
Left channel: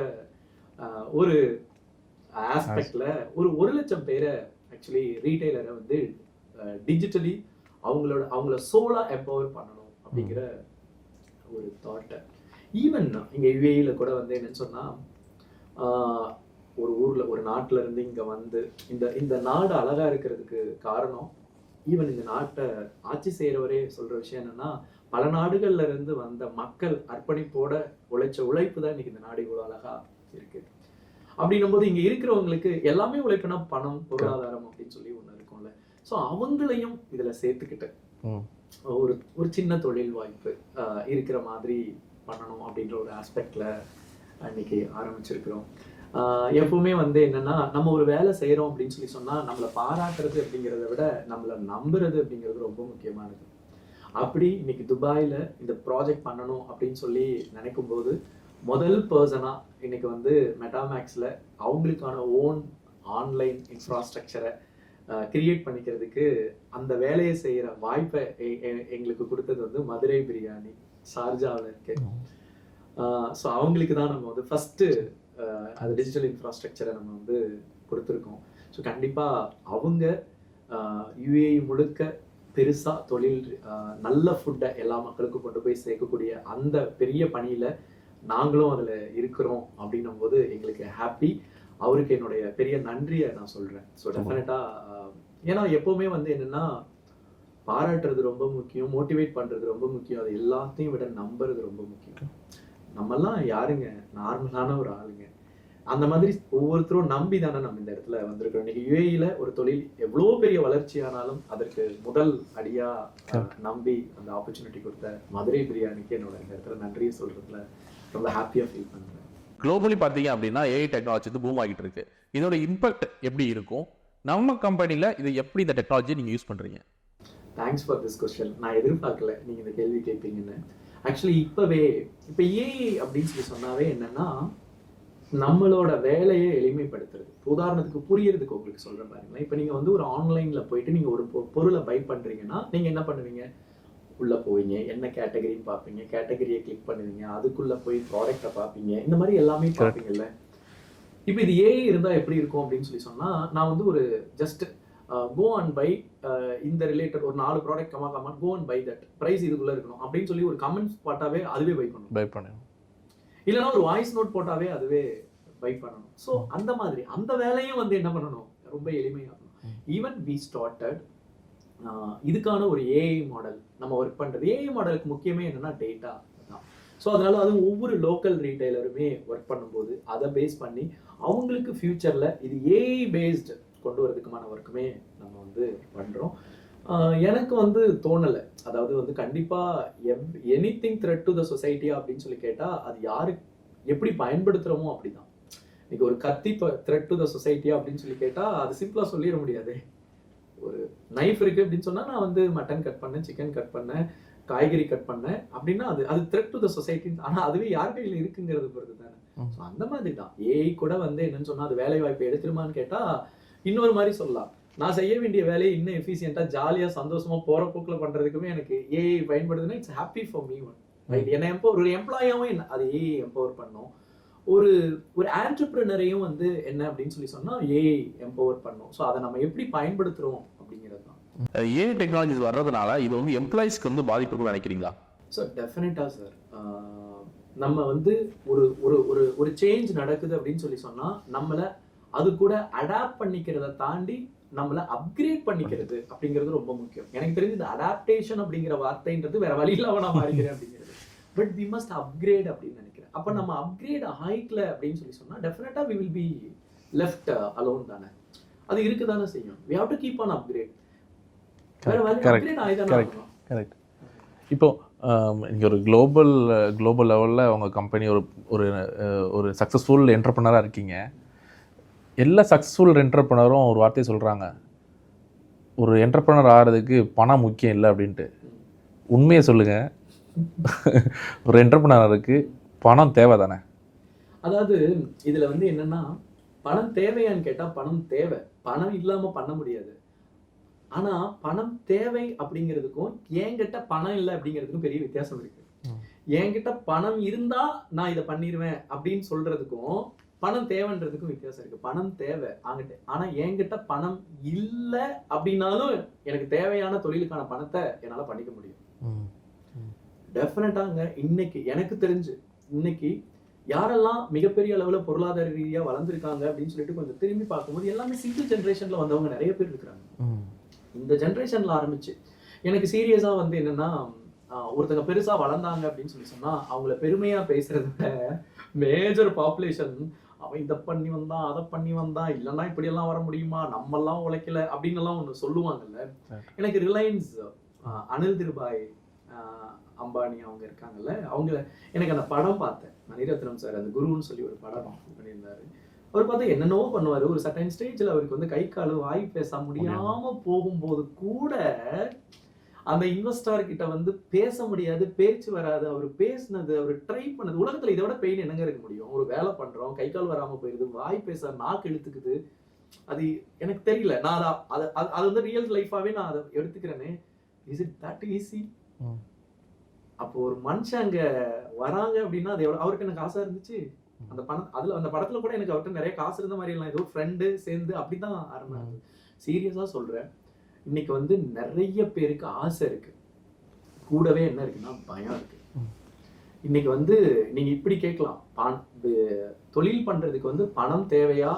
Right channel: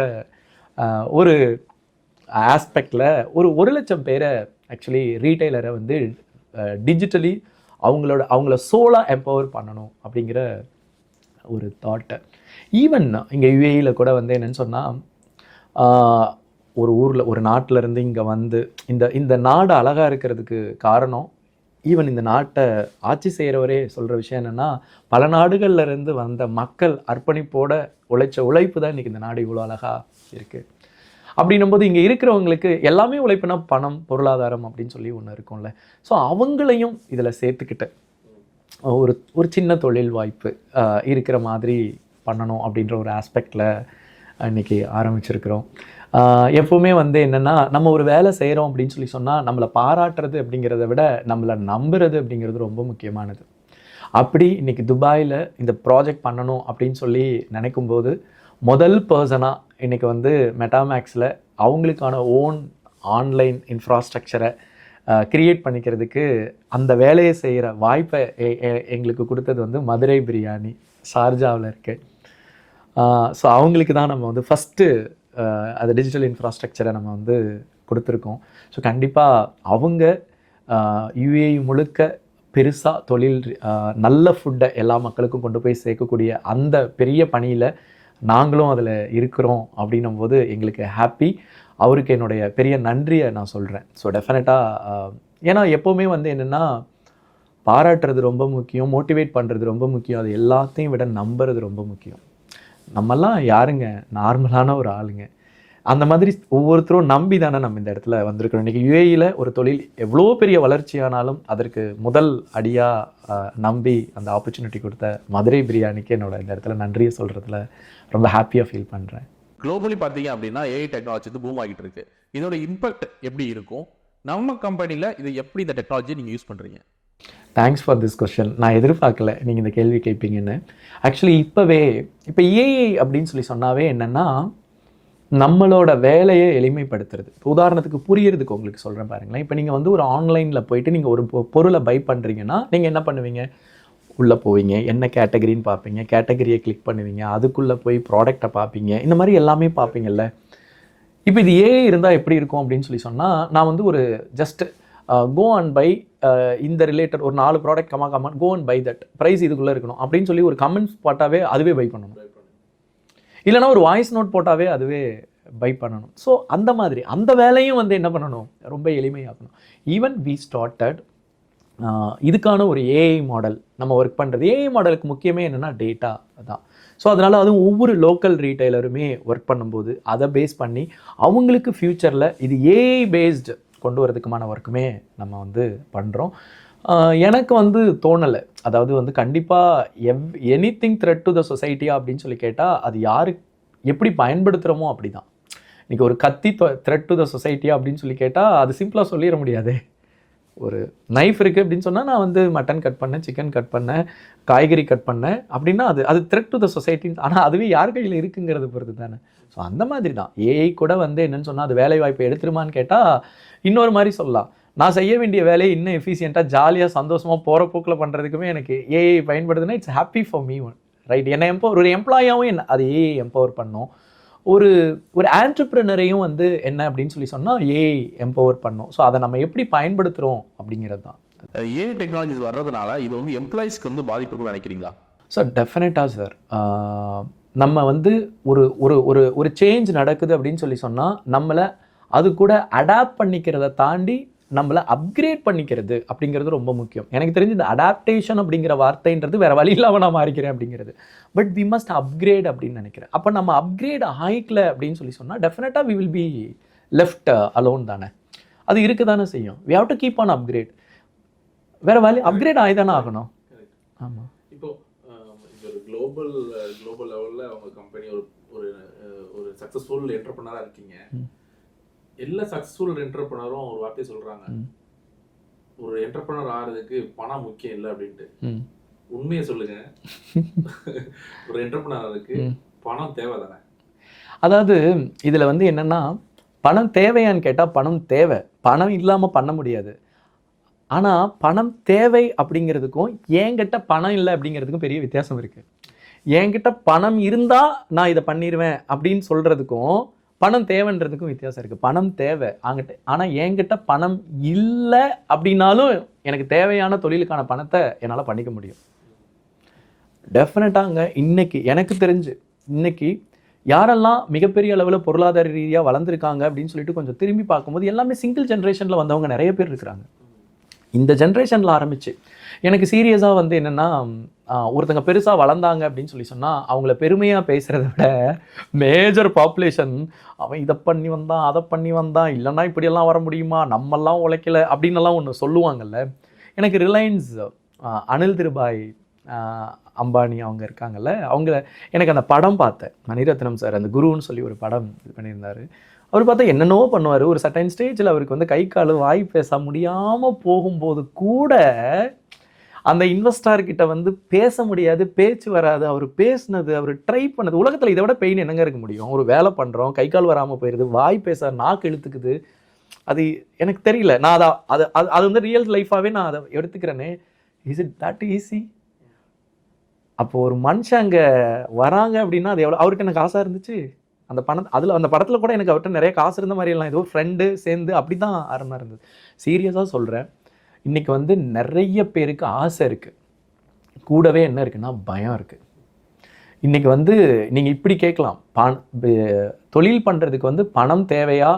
ஒரு ஆஸ்பெக்டில் ஒரு 1 லட்சம் பேரை ஆக்சுவலி ரீட்டைலரை வந்து டிஜிட்டலி அவங்கள சோலாக எம்பவர் பண்ணணும் அப்படிங்கிற ஒரு தாட்டை. ஈவன் இங்கே யுஏஇயில் கூட வந்து என்னென்னு சொன்னால், ஒரு ஊரில் ஒரு நாட்டில் இருந்து இங்கே வந்து இந்த நாடு அழகாக இருக்கிறதுக்கு காரணம், ஈவன் இந்த நாட்டை ஆட்சி செய்கிறவரே சொல்கிற விஷயம் என்னென்னா, பல நாடுகளில் இருந்து வந்த மக்கள் அர்ப்பணிப்போட உழைச்ச உழைப்பு தான் இன்றைக்கி இந்த நாடு இவ்வளோ அழகாக இருக்குது. அப்படின்னும்போது இங்கே இருக்கிறவங்களுக்கு எல்லாமே உழைப்புனா பணம், பொருளாதாரம் அப்படின்னு சொல்லி ஒன்று இருக்கும்ல. ஸோ அவங்களையும் இதில் சேர்த்துக்கிட்டேன். ஒரு சின்ன தொழில் வாய்ப்பு இருக்கிற மாதிரி பண்ணணும் அப்படின்ற ஒரு ஆஸ்பெக்டில் இன்றைக்கி ஆரம்பிச்சிருக்கிறோம். எப்போவுமே வந்து என்னென்னா, நம்ம ஒரு வேலை செய்கிறோம் அப்படின்னு சொல்லி சொன்னால் நம்மளை பாராட்டுறது அப்படிங்கிறத விட நம்மளை நம்புறது அப்படிங்கிறது ரொம்ப முக்கியமானது. அப்படி இன்றைக்கி துபாயில் இந்த ப்ராஜெக்ட் பண்ணணும் அப்படின்னு சொல்லி நினைக்கும்போது முதல் பர்சனாக இன்னைக்கு வந்து மெட்டாமேக்ஸில் அவங்களுக்கான ஓன் ஆன்லைன் இன்ஃப்ராஸ்ட்ரக்சரை கிரியேட் பண்ணிக்கிறதுக்கு அந்த வேலையை செய்கிற வாய்ப்பை எங்களுக்கு கொடுத்தது வந்து மதுரை பிரியாணி ஷார்ஜாவில் இருக்கு. ஸோ அவங்களுக்கு தான் நம்ம வந்து ஃபஸ்ட்டு அது டிஜிட்டல் இன்ஃப்ராஸ்ட்ரக்சரை நம்ம வந்து கொடுத்துருக்கோம். ஸோ கண்டிப்பாக அவங்க யுஏஇ முழுக்க பெருசாக தொழில் நல்ல ஃபுட்டை எல்லா மக்களுக்கும் கொண்டு போய் சேர்க்கக்கூடிய அந்த பெரிய பணியில் நாங்களும் அதில் இருக்கிறோம் அப்படின்னும் போது எங்களுக்கு ஹாப்பி. அவருக்கு என்னுடைய பெரிய நன்றியை நான் சொல்கிறேன். ஸோ டெஃபினட்டாக ஏன்னா எப்போவுமே வந்து என்னென்னா பாராட்டுறது ரொம்ப முக்கியம், மோட்டிவேட் பண்ணுறது ரொம்ப முக்கியம், அது எல்லாத்தையும் விட நம்புறது ரொம்ப முக்கியம். நம்மெல்லாம் யாருங்க, நார்மலான ஒரு ஆளுங்க. அந்த மாதிரி ஒவ்வொருத்தரும் நம்பி தானே நம்ம இந்த இடத்துல வந்திருக்கிறோம். இன்றைக்கி யுஏஇயில் ஒரு தொழில் எவ்வளோ பெரிய வளர்ச்சியானாலும் அதற்கு முதல் அடியாக நம்பி அந்த ஆப்பர்ச்சுனிட்டி கொடுத்த மதுரை பிரியாணிக்கு என்னோட இந்த இடத்துல நன்றியை சொல்கிறதுல ரொம்ப ஹாப்பியாக ஃபீல் பண்ணுறேன். குளோபலி பார்த்தீங்க அப்படின்னா ஏஐ டெக்னாலஜி வந்து பூம் ஆகிட்டு இருக்கு. இதோட இம்பாக்ட் எப்படி இருக்கும்? நம்ம கம்பெனியில் இதை எப்படி இந்த டெக்னாலஜியை நீங்கள் யூஸ் பண்ணுறீங்க? Thanks for this question. நான் எதிர்பார்க்கல நீங்கள் இந்த கேள்வி கேட்பீங்கன்னு. ஆக்சுவலி இப்போ ஏஐ அப்படின்னு சொல்லி சொன்னாவே என்னென்னா நம்மளோட வேலையை எளிமைப்படுத்துறது. இப்போ உதாரணத்துக்கு புரியறதுக்கு உங்களுக்கு சொல்கிறேன் பாருங்களேன். இப்போ நீங்கள் வந்து ஒரு ஆன்லைனில் போயிட்டு நீங்கள் ஒரு பொருளை பை பண்ணுறீங்கன்னா நீங்கள் என்ன பண்ணுவீங்க? உள்ளே போவீங்க, என்ன கேட்டகரின்னு பார்ப்பீங்க, கேட்டகரியை கிளிக் பண்ணுவீங்க, அதுக்குள்ளே போய் ப்ராடக்டை பார்ப்பீங்க, இந்த மாதிரி எல்லாமே பார்ப்பீங்கல்ல. இப்போ இது ஏஐ இருந்தால் எப்படி இருக்கும் அப்படின்னு சொல்லி சொன்னால், நான் வந்து ஒரு ஜஸ்ட் கோ அண்ட் பை இந்த ரிலேட்டட் ஒரு 4 product comma go and buy that price இதுக்குள்ளே இருக்கணும் அப்படின்னு சொல்லி ஒரு கமெண்ட்ஸ் போட்டாவே அதுவே பை பண்ணணும். இல்லைனா ஒரு வாய்ஸ் நோட் போட்டாவே அதுவே பை பண்ணணும். ஸோ அந்த மாதிரி அந்த வேலையும் வந்து என்ன பண்ணணும், ரொம்ப எளிமையாகணும். ஈவன் வி ஸ்டார்டட் இதுக்கான ஒரு ஏஐ மாடல் நம்ம ஒர்க் பண்ணுறது. ஏஐ மாடலுக்கு முக்கியமே என்னென்னா டேட்டா தான். ஸோ அதனால் அதுவும் ஒவ்வொரு லோக்கல் ரீட்டைலருமே ஒர்க் பண்ணும்போது அதை பேஸ் பண்ணி அவங்களுக்கு ஃப்யூச்சரில் இது ஏஐ பேஸ்டு கொண்டு வரதுக்குமான ஒர்க்குமே நம்ம வந்து பண்ணுறோம். எனக்கு வந்து தோணலை, அதாவது வந்து கண்டிப்பாக எனிதிங் த்ரெட் டு த சொசைட்டியா அப்படின்னு சொல்லி கேட்டால் அது யாரு எப்படி பயன்படுத்துகிறோமோ அப்படி தான். இன்றைக்கி ஒரு கத்தி த்ரெட் டு த சொசைட்டியா அப்படின்னு சொல்லி கேட்டால் அது சிம்பிளாக சொல்லிட முடியாது. ஒரு நைஃப் இருக்குது அப்படின்னு சொன்னால் நான் வந்து மட்டன் கட் பண்ணேன், சிக்கன் கட் பண்ணேன், காய்கறி கட் பண்ணேன் அப்படின்னா அது த்ரெட் டு த சொசைட்டின்னு. ஆனால் அதுவே யார் கையில் இருக்குங்கிறது பொறுத்து தானே. ஸோ அந்த மாதிரி தான் ஏஐ கூட வந்து என்னென்னு சொன்னால் அது வேலை வாய்ப்பை எடுத்துருமான்னு கேட்டால் இன்னொரு மாதிரி சொல்லலாம். நான் செய்ய வேண்டிய வேலையை இன்னும் எஃபிஷியண்ட்டாக ஜாலியாக சந்தோஷமாக போகிற போக்கில் பண்ணுறதுக்குமே எனக்கு ஏஐ பயன்படுதுன்னா it's happy for me one right. என்னை ஒரு எம்ப்ளாயாகவும் என்ன அது ஏஐ எம்பவர் பண்ணும். ஒரு ஆண்டர்ப்ரனரையும் வந்து என்ன அப்படின்னு சொல்லி சொன்னால் ஏஐ எம்பவர் பண்ணும். ஸோ அதை நம்ம எப்படி பயன்படுத்துகிறோம் அப்படிங்கிறது தான். ஏஐ டெக்னாலஜிஸ் வர்றதுனால இது வந்து எம்ப்ளாயிஸ்க்கு வந்து பாதிப்பு நினைக்கிறீங்களா? சார் டெஃபினட்டாக சார். நம்ம வந்து ஒரு ஒரு ஒரு ஒரு சேஞ்ச் நடக்குது அப்படின்னு சொல்லி சொன்னால் நம்மளை அது கூட அடாப்ட் பண்ணிக்கிறத தாண்டி நம்மளை அப்கிரேட் பண்ணிக்கிறது அப்படிங்கிறது ரொம்ப முக்கியம். எனக்கு தெரிஞ்சு இந்த அடாப்டேஷன் அப்படிங்கிற வார்த்தைன்றது வேறு வழி இல்லாமல் நான் மாறிக்கிறேன் அப்படிங்கிறது. பட் வி மஸ்ட் அப்கிரேட் அப்படின்னு நினைக்கிறேன். அப்போ நம்ம அப்கிரேட் ஆகிக்கல அப்படின்னு சொல்லி சொன்னால் டெஃபினட்டாக we will be left alone தானே. அது இருக்க தானே செய்யும். We have to keep on upgrade. வேறு வழி அப்கிரேட் ஆகி தானே ஆகணும். கரெக்ட். ஆமாம். இப்போது இங்கே ஒரு குளோபல் லெவலில் உங்கள் கம்பெனி ஒரு சக்ஸஸ்ஃபுல் என்டர்ப்ரனராக இருக்கீங்க. எல்லா சக்ஸஸ்ஃபுல் என்டர்ப்ரனரும் ஒரு வார்த்தையை சொல்கிறாங்க, ஒரு என்டர்ப்ரனர் ஆகிறதுக்கு பணம் முக்கியம் இல்லை அப்படின்ட்டு. உண்மையை சொல்லுங்கள், ஒரு என்டர்ப்ரனருக்கு பணம் தேவை தானே? அதாவது இதில் வந்து என்னென்னா பணம் தேவையான்னு கேட்டால் பணம் தேவை, பணம் இல்லாமல் பண்ண முடியாது. ஆனால் பணம் தேவை அப்படிங்கிறதுக்கும் என்கிட்ட பணம் இல்லை அப்படிங்கிறதுக்கும் பெரிய வித்தியாசம் இருக்குது. என்கிட்ட பணம் இருந்தால் நான் இதை பண்ணிடுவேன் அப்படின்னு சொல்கிறதுக்கும் பணம் தேவைன்றதுக்கும் வித்தியாசம் இருக்குது. பணம் தேவை அங்கிட்ட, ஆனால் என்கிட்ட பணம் இல்லை அப்படின்னாலும் எனக்கு தேவையான தொழிலுக்கான பணத்தை என்னால் பண்ணிக்க முடியும். டெஃபினட்டாங்க. இன்னைக்கு எனக்கு தெரிஞ்சு இன்னைக்கு யாரெல்லாம் மிகப்பெரிய அளவில் பொருளாதார ரீதியாக வளர்ந்துருக்காங்க அப்படின்னு சொல்லிட்டு கொஞ்சம் திரும்பி பார்க்கும்போது எல்லாமே சிங்கிள் ஜென்ரேஷனில் வந்தவங்க நிறைய பேர் இருக்கிறாங்க. இந்த ஜென்ரேஷனில் ஆரம்பிச்சு எனக்கு சீரியஸாக வந்து என்னென்னா ஒருத்தங்க பெருசாக வளர்ந்தாங்க அப்படின்னு சொல்லி சொன்னால் அவங்கள பெருமையாக பேசுகிறத விட மேஜர் பாப்புலேஷன் அவன் இதை பண்ணி வந்தான், அதை பண்ணி வந்தான், இல்லைன்னா இப்படியெல்லாம் வர முடியுமா, நம்மெல்லாம் உழைக்கல அப்படின்னெல்லாம் ஒன்று சொல்லுவாங்கல்ல. எனக்கு ரிலையன்ஸ் அனில் திருபாய் அம்பானி அவங்க இருக்காங்கல்ல, அவங்க எனக்கு அந்த படம் பார்த்தேன். மணிரத்னம் சார் அந்த குருன்னு சொல்லி ஒரு படம் இது பண்ணியிருந்தார். அவர் பார்த்தா என்னென்னோ பண்ணுவார். ஒரு சர்டைன் ஸ்டேஜில் அவருக்கு வந்து கை கால் வாய் பேச முடியாமல் போகும்போது கூட அந்த இன்வெஸ்டார் கிட்ட வந்து பேச முடியாது, பேச்சு வராது. அவர் பேசுனது, அவர் ட்ரை பண்ணது, உலகத்துல இதை விட பெயின் என்னங்க இருக்க முடியும்? ஒரு வேலை பண்றோம், கை கால் வராம போயிருது, வாய் பேச நாக்கு இழுத்துக்குது. அது எனக்கு தெரியல. நான் அதை அது அது அது வந்து ரியல் லைஃபாவே நான் அதை எடுத்துக்கிறேனே. Is it that easy? அப்போ ஒரு மனுஷன் அங்க வராங்க அப்படின்னா அது எவ்வளவு அவர்கிட்ட எனக்கு ஆசை இருந்துச்சு. அந்த பணம் அதுல அந்த படத்துல கூட எனக்கு அவர்கிட்ட நிறைய காசு இருந்த மாதிரி எல்லாம், ஏதோ ஃப்ரெண்டு சேர்ந்து அப்படிதான் ஆரம்பம் இருந்தது. சீரியஸா சொல்றேன், இன்னைக்கு வந்து நிறைய பேருக்கு ஆசை இருக்கு, கூடவே என்ன இருக்குன்னா பயம் இருக்கு. இன்னைக்கு வந்து நீங்க இப்படி கேட்கலாம், தொழில் பண்றதுக்கு வந்து பணம் தேவையா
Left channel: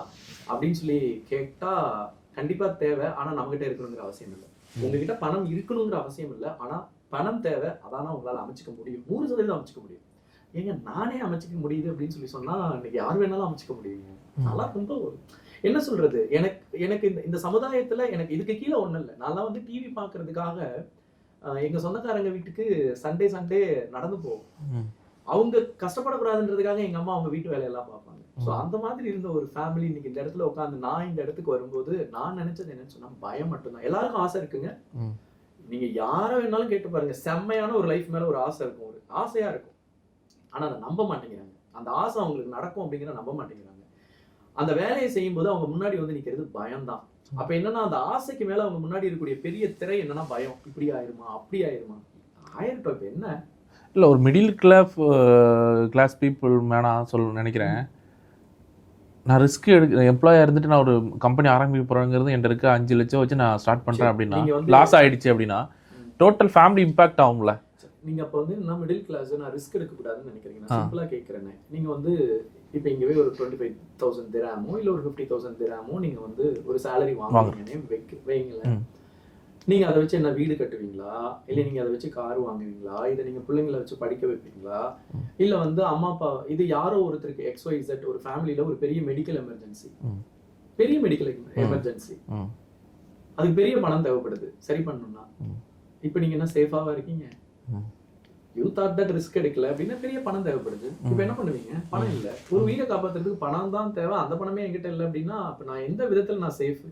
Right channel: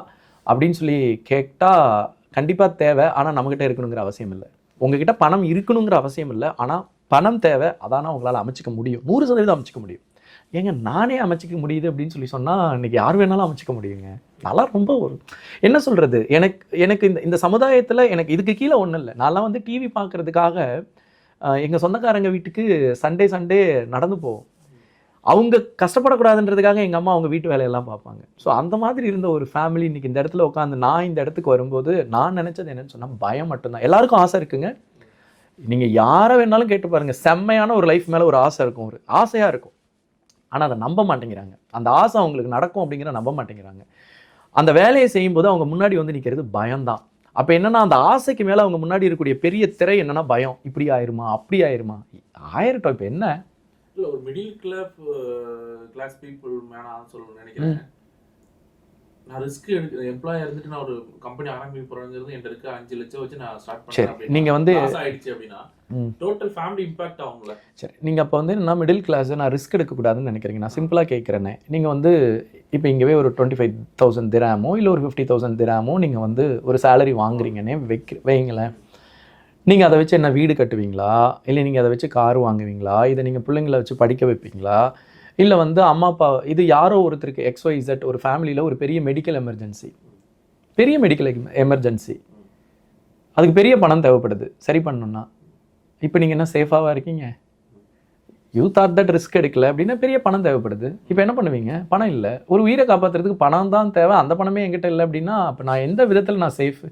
அப்படின்னு சொல்லி கேட்டா கண்டிப்பா தேவை. ஆனா நம்மகிட்ட இருக்கணுங்கிற அவசியம் இல்லை. உங்ககிட்ட பணம் இருக்கணுங்கிற அவசியம் இல்லை. ஆனா பணம் தேவை, அதானா உங்களால அமைச்சிக்க முடியும், 100% அமைச்சிக்க முடியும். ஏங்க நானே அமைச்சிக்க முடியுது அப்படின்னு சொல்லி சொன்னா இன்னைக்கு யார் வேணாலும் அமைச்சிக்க முடியுங்க. நல்லா ரொம்ப என்ன சொல்றது, எனக்கு இந்த சமுதாயத்துல எனக்கு இதுக்கு கீழே ஒண்ணும் இல்லை. நான்லாம் வந்து டிவி பார்க்கறதுக்காக எங்க சொந்தக்காரங்க வீட்டுக்கு சண்டே நடந்து போவோம். அவங்க கஷ்டப்படக்கூடாதுன்றதுக்காக எங்க அம்மா அவங்க வீட்டு வேலையெல்லாம் பார்ப்பாங்க. ஸோ அந்த மாதிரி இருந்த ஒரு ஃபேமிலி இன்னைக்கு இந்த இடத்துல உட்காந்து நான் இந்த இடத்துக்கு வரும்போது நான் நினைச்சது என்னன்னு சொன்னா பயம் மட்டும்தான். எல்லாருக்கும் ஆசை இருக்குங்க. நீங்க யாரை வேணாலும் கேட்டு பாருங்க, செம்மையான ஒரு லைஃப் மேல ஒரு ஆசை இருக்கும், ஒரு ஆசையா இருக்கும். ஆனா அதை நம்ப மாட்டேங்கிறாங்க. அந்த ஆசை அவங்களுக்கு நடக்கும் அப்படிங்கிற நம்ப மாட்டேங்கிறாங்க. அந்த வேலையை செய்யும்போது அவங்க முன்னாடி வந்து நிற்கிறது பயம்தான். அப்ப என்னன்னா அந்த ஆசைக்கு மேல அவங்க முன்னாடி இருக்கக்கூடிய பெரிய திரை என்னன்னா பயம். இப்படி ஆயிருமா, அப்படி ஆயிருமா, ஆயிரட்டும். இப்ப என்ன இல்லை, ஒரு மிடில் கிளாஸ் பீப்புள் வேணாம் நினைக்கிறேன். நான் ரிஸ்க் எடுக்கிறேன், எம்ப்ளாயாக இருந்துட்டு நான் ஒரு கம்பெனி ஆரம்பிக்க போகிறேங்கிறது என்கிட்ட இருக்க 5 லட்சம் வச்சு நான் ஸ்டார்ட் பண்ணுறேன் அப்படின்னு நீங்கள் வந்து லாஸ் ஆகிடுச்சு அப்படின்னா டோட்டல் ஃபேமிலி இம்பாக்ட் ஆகும்ல. சரி, நீங்கள் அப்போ வந்து நான் மிடில் கிளாஸ், நான் ரிஸ்க் எடுக்கக்கூடாதுன்னு நினைக்கிறீங்க. நான் சிம்பிளாக கேட்குறேனே, நீங்கள் வந்து இப்போ இங்கேவே ஒரு 25,000 திராமோ இல்லை ஒரு 50,000 திராமோ நீங்கள் வந்து ஒரு சேலரி வாங்குறீங்கன்னே வைங்களேன். நீங்கள் அதை வச்சு என்ன வீடு கட்டுவீங்களா, இல்லை நீங்கள் அதை வச்சு கார் வாங்குவீங்களா, இதை நீங்கள் பிள்ளைங்களை வச்சு படிக்க வைப்பீங்களா, இல்லை வந்து அம்மா அப்பா இது யாரோ ஒருத்தருக்கு XYZ ஒரு ஃபேமிலியில் ஒரு பெரிய மெடிக்கல் எமர்ஜென்சி, அதுக்கு பெரிய பணம் தேவைப்படுது சரி பண்ணணும்னா, இப்போ நீங்கள் என்ன சேஃபாக இருக்கீங்க? யூ தாட் தட் ரிஸ்க் எடுக்கல அப்படின்னா பெரிய பணம் தேவைப்படுது. இப்போ என்ன பண்ணுவீங்க? பணம் இல்லை. ஒரு உயிரை காப்பாற்றுறதுக்கு பணம் தான் தேவை. அந்த பணமே என்கிட்ட இல்லை அப்படின்னா அப்போ நான் எந்த விதத்தில் நான் சேஃபு?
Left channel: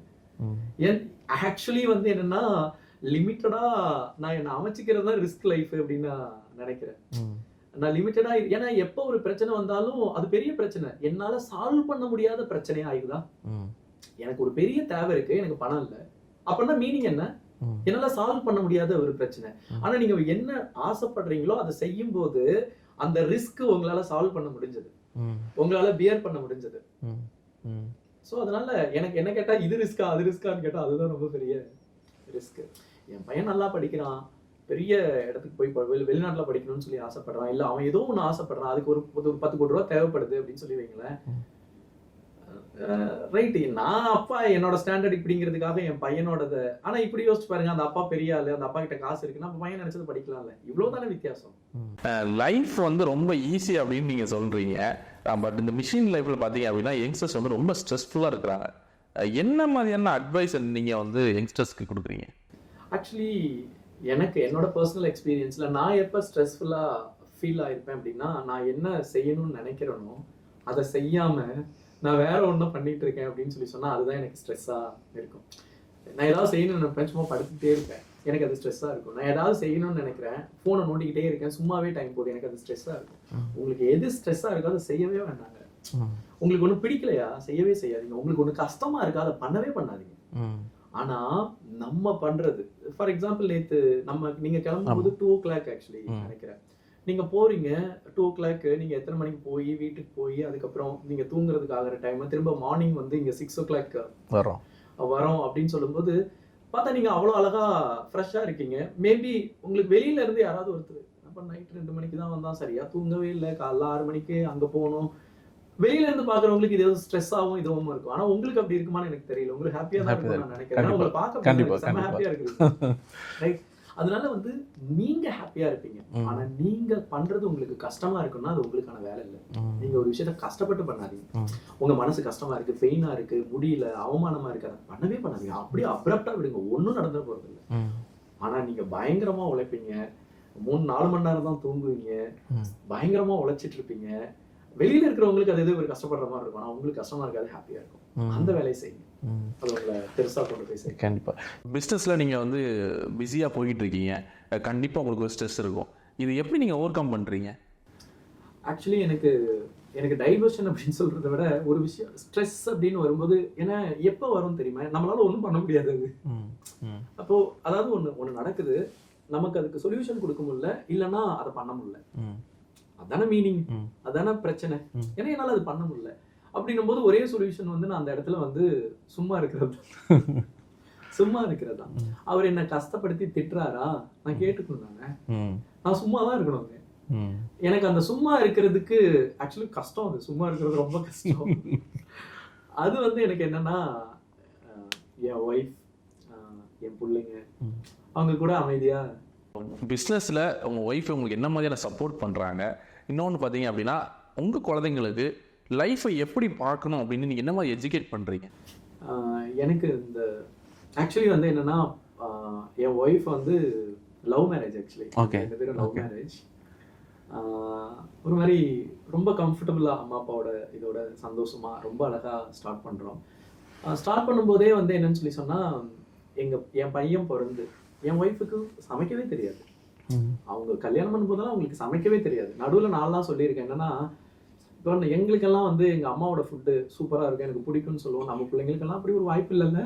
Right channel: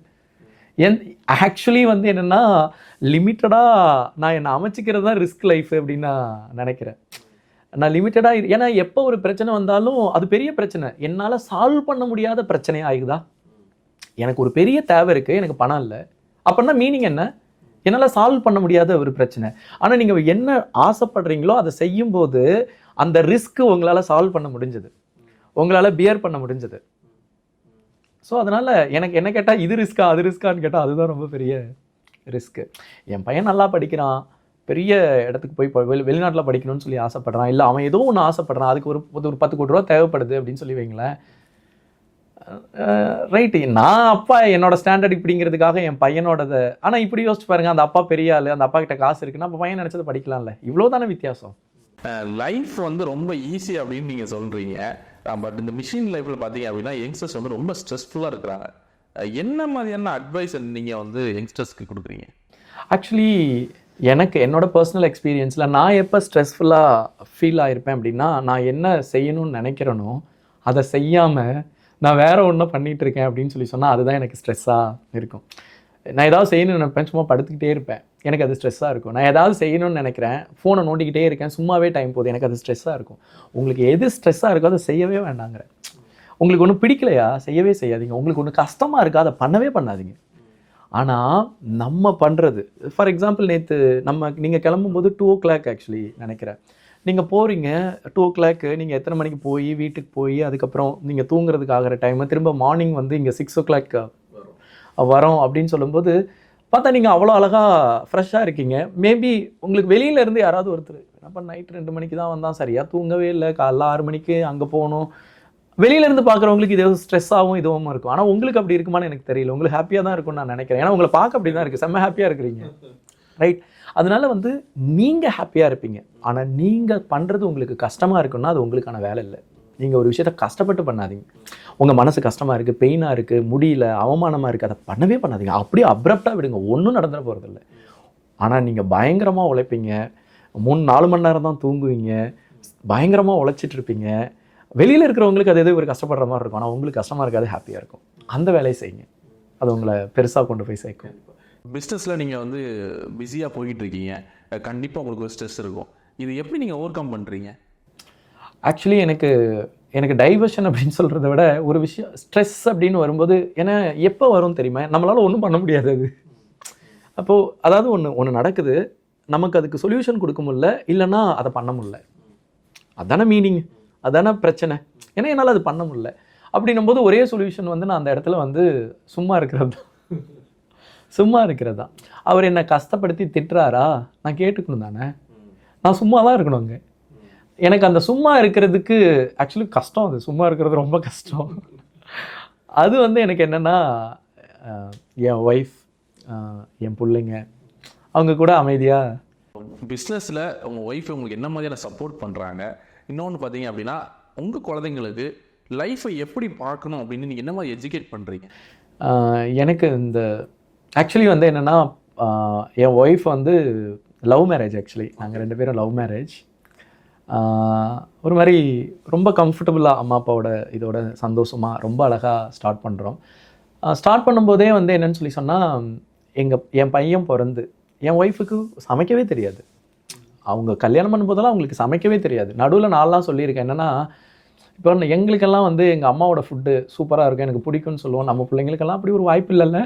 ஆக்சுவலி வந்து என்னன்னா லிமிட்டடா நான் என்ன அமைச்சிக்கிறது தான் ரிஸ்க் லைஃப் அப்படின்னு நான் நினைக்கிறேன். நான் லிமிட்டடா, ஏன்னா எப்போ ஒரு பிரச்சனை வந்தாலும் அது பெரிய பிரச்சனை, என்னால சால்வ் பண்ண முடியாத பிரச்சனையா ஆகுதா? எனக்கு ஒரு பெரிய தேவை இருக்கு, எனக்கு பணம் இல்லை அப்படின்னா மீனிங் என்ன? என்னால சால்வ் பண்ண முடியாத ஒரு பிரச்சனை. ஆனா நீங்க என்ன ஆசைப்படுறீங்களோ அதை செய்யும் போது அந்த ரிஸ்க் உங்களால சால்வ் பண்ண முடிஞ்சது, உங்களால பியர் பண்ண முடிஞ்சது. ஸோ அதனால எனக்கு என்ன கேட்டால் இது ரிஸ்கா அது ரிஸ்கான்னு கேட்டால் அதுதான் ரொம்ப பெரிய ரிஸ்க்கு. என் பையன் நல்லா படிக்கிறான், பெரிய இடத்துக்கு போய் வெளிநாட்டில் படிக்கணும்னு சொல்லி ஆசைப்படுறான், இல்லை அவன் ஏதோ ஒன்று ஆசைப்படுறான், அதுக்கு ஒரு 10 கோடி ரூபா தேவைப்படுது அப்படின்னு சொல்லி வைங்களேன். ரைட்டு, நான் அப்பா என்னோட ஸ்டாண்டர்ட் இப்படிங்கிறதுக்காக என் பையனோடத, ஆனால் இப்படி யோசிச்சு பாருங்க, அந்த அப்பா பெரிய ஆளு, அந்த அப்பா கிட்ட காசு இருக்குன்னா அப்போ பையன் நினைச்சது படிக்கலாம்ல. இவ்வளோ தானே வித்தியாசம். லைஃப் வந்து ரொம்ப ஈஸி அப்படின்னு நீங்க சொல்றீங்க. பட் இந்த மிஷின் லைஃப்ல பார்த்தீங்க அப்படின்னா யங்ஸ்டர்ஸ் வந்து ரொம்ப ஸ்ட்ரெஸ்ஃபுல்லாக இருக்கிறாங்க. என்ன மாதிரியான அட்வைஸ் நீங்கள் வந்து யங்ஸ்டர்ஸ்க்கு கொடுக்குறீங்க? ஆக்சுவலி எனக்கு என்னோட பர்சனல் எக்ஸ்பீரியன்ஸில் நான் எப்போ ஸ்ட்ரெஸ்ஃபுல்லாக ஃபீல் ஆகிருப்பேன் அப்படின்னா, நான் என்ன செய்யணும்னு நினைக்கிறேனோ அதை செய்யாமல் நான் வேற ஒன்றும் பண்ணிகிட்டு இருக்கேன் அப்படின்னு சொல்லி சொன்னால் அதுதான் எனக்கு ஸ்ட்ரெஸ்ஸாக இருக்கும். நான் ஏதாவது செய்யணும்னு நினைப்பேன், சும்மா படுத்துக்கிட்டே இருப்பேன், எனக்கு அது ஸ்ட்ரெஸ்ஸாக இருக்கும். நான் ஏதாவது செய்யணும்னு நினைக்கிறேன், ஃபோனை நோண்டிக்கிட்டே இருக்கேன், சும்மாவே டைம் போகுது, எனக்கு அது ஸ்ட்ரெஸ்ஸாக இருக்கும். உங்களுக்கு எது ஸ்ட்ரெஸ்ஸாக இருக்கோ அதை செய்யவே வேண்டாங்கிற. உங்களுக்கு ஒன்றும் பிடிக்கலையா செய்யவே செய்யாதீங்க. உங்களுக்கு ஒன்று கஷ்டமாக இருக்கா அதை பண்ணவே பண்ணாதீங்க. ஆனால் நம்ம பண்ணுறது, ஃபார் எக்ஸாம்பிள் நேற்று நீங்கள் கிளம்பும்போது 2 o'clock ஆக்சுவலி நினைக்கிறேன், நீங்கள் போகிறீங்க 2 o'clock, நீங்கள் எத்தனை மணிக்கு போய் வீட்டுக்கு போய் அதுக்கப்புறம் நீங்கள் தூங்குறதுக்கு ஆகிற டைம் திரும்ப மார்னிங் வந்து இங்கே 6 o'clock வரோம் அப்படின்னு சொல்லும்போது பார்த்தா நீங்கள் அவ்வளோ அழகாக ஃப்ரெஷ்ஷாக இருக்கீங்க. மேபி உங்களுக்கு வெளியிலேருந்து யாராவது ஒருத்தர் என்னப்பா நைட் 2 மணிக்கு தான் வந்தால் சரியாக தூங்கவே இல்லை, காலைல 6 மணிக்கு அங்கே போகணும், வெளியிலேருந்து பார்க்குறவங்களுக்கு இது ஸ்ட்ரெஸ்ஸாகவும் இதுவும் இருக்கும். ஆனால் உங்களுக்கு அப்படி இருக்குமான்னு எனக்கு தெரியல. உங்களுக்கு ஹாப்பியாக தான் இருக்கும்னு நான் நினைக்கிறேன். ஏன்னா உங்களை பார்க்க அப்படி தான் இருக்குது, செம்ம ஹாப்பியாக இருக்கிறீங்க, ரைட்? அதனால வந்து நீங்கள் ஹாப்பியாக இருப்பீங்க. ஆனால் நீங்கள் பண்ணுறது உங்களுக்கு கஷ்டமாக இருக்குன்னா அது உங்களுக்கான வேலை இல்லை. நீங்கள் ஒரு விஷயத்த கஷ்டப்பட்டு பண்ணாதீங்க. உங்கள் மனசு கஷ்டமாக இருக்குது, பெயினாக இருக்குது, முடியல, அவமானமாக இருக்குது, அதை பண்ணவே பண்ணாதீங்க. அப்படியே அப்ரப்டாக விடுங்க, ஒன்றும் நடந்துட போகிறதில்ல. ஆனால் நீங்கள் பயங்கரமாக உழைப்பீங்க, 3-4 மணி நேரம் தான் தூங்குவீங்க, பயங்கரமாக உழைச்சிட்டு இருப்பீங்க, வெளியில் இருக்கிறவங்களுக்கு அது எது ஒரு கஷ்டப்படுற மாதிரி இருக்கும், ஆனால் உங்களுக்கு கஷ்டமாக இருக்காது, ஹாப்பியாக இருக்கும். அந்த வேலையை செய்யுங்க, அது உங்களை பெருசாக கொண்டு போய் சேர்க்க. கண்டிப்பாக பிஸ்னஸில் நீங்கள் வந்து பிஸியாக போய்கிட்டு இருக்கீங்க, கண்டிப்பாக உங்களுக்கு ஒரு ஸ்ட்ரெஸ் இருக்கும். இது எப்படி நீங்கள் ஓவர் கம் பண்ணுறீங்க? ஆக்சுவலி எனக்கு டைவர்ஷன் அப்படின்னு சொல்கிறத விட ஒரு விஷயம் ஸ்ட்ரெஸ் அப்படின்னு வரும்போது, ஏன்னா எப்போ வரும் தெரியுமா, நம்மளால் ஒன்றும் பண்ண முடியாது அது. அப்போது அதாவது ஒன்று நடக்குது, நமக்கு அதுக்கு சொல்யூஷன் கொடுக்க முடியல, இல்லைன்னா அதை பண்ண முடியல. அதான மீனிங், அதான பிரச்சனை. ஏன்னா என்னால் அது பண்ண முடியல அப்படின்னும் போது ஒரே சொல்யூஷன் வந்து நான் அந்த இடத்துல வந்து சும்மா இருக்கிறது தான். சும்மா இருக்கிறது தான். அவர் என்னை கஷ்டப்படுத்தி திட்டுறாரா, நான் கேட்டுக்கணும் தானே, நான் சும்மா தான் இருக்கணுங்க. எனக்கு அந்த சும்மா இருக்கிறதுக்கு ஆக்சுவலி கஷ்டம், அது சும்மா இருக்கிறது ரொம்ப கஷ்டம். அது வந்து எனக்கு என்னென்னா என் ஒய்ஃப், என் பிள்ளைங்க, அவங்க கூட அமைதியாக. பிஸ்னஸில் உங்கள் ஒய்ஃப் உங்களுக்கு என்ன மாதிரியான சப்போர்ட் பண்ணுறாங்க? இன்னொன்று பார்த்தீங்க அப்படின்னா, உங்கள் குழந்தைங்களுக்கு லைஃப்பை எப்படி பார்க்கணும் அப்படின்னு நீங்கள் என்ன மாதிரி எஜுகேட் பண்ணுறீங்க? எனக்கு இந்த ஆக்சுவலி வந்து என்னென்னா, என் ஒய்ஃப் வந்து லவ் மேரேஜ். ஆக்சுவலி ரெண்டு பேரும் லவ் மேரேஜ். ஒரு மாதிரி ரொம்ப கம்ஃபர்டபுளாக அம்மா அப்பாவோட இதோட சந்தோஷமாக ரொம்ப அழகாக ஸ்டார்ட் பண்ணுறோம். ஸ்டார்ட் பண்ணும்போதே வந்து என்னன்னு சொல்லி சொன்னால், என் பையன் பிறந்து என் ஒய்ஃபுக்கு சமைக்கவே தெரியாது. அவங்க கல்யாணம் பண்ணும்போதெல்லாம் அவங்களுக்கு சமைக்கவே தெரியாது. நடுவில் நான்லாம் சொல்லியிருக்கேன் என்னென்னா, இப்போ எங்களுக்கெல்லாம் வந்து எங்கள் அம்மாவோட ஃபுட்டு சூப்பராக இருக்கும், எனக்கு பிடிக்கும்னு சொல்லுவோம். நம்ம பிள்ளைங்களுக்கெல்லாம் அப்படி ஒரு வாய்ப்பு இல்லைல்ல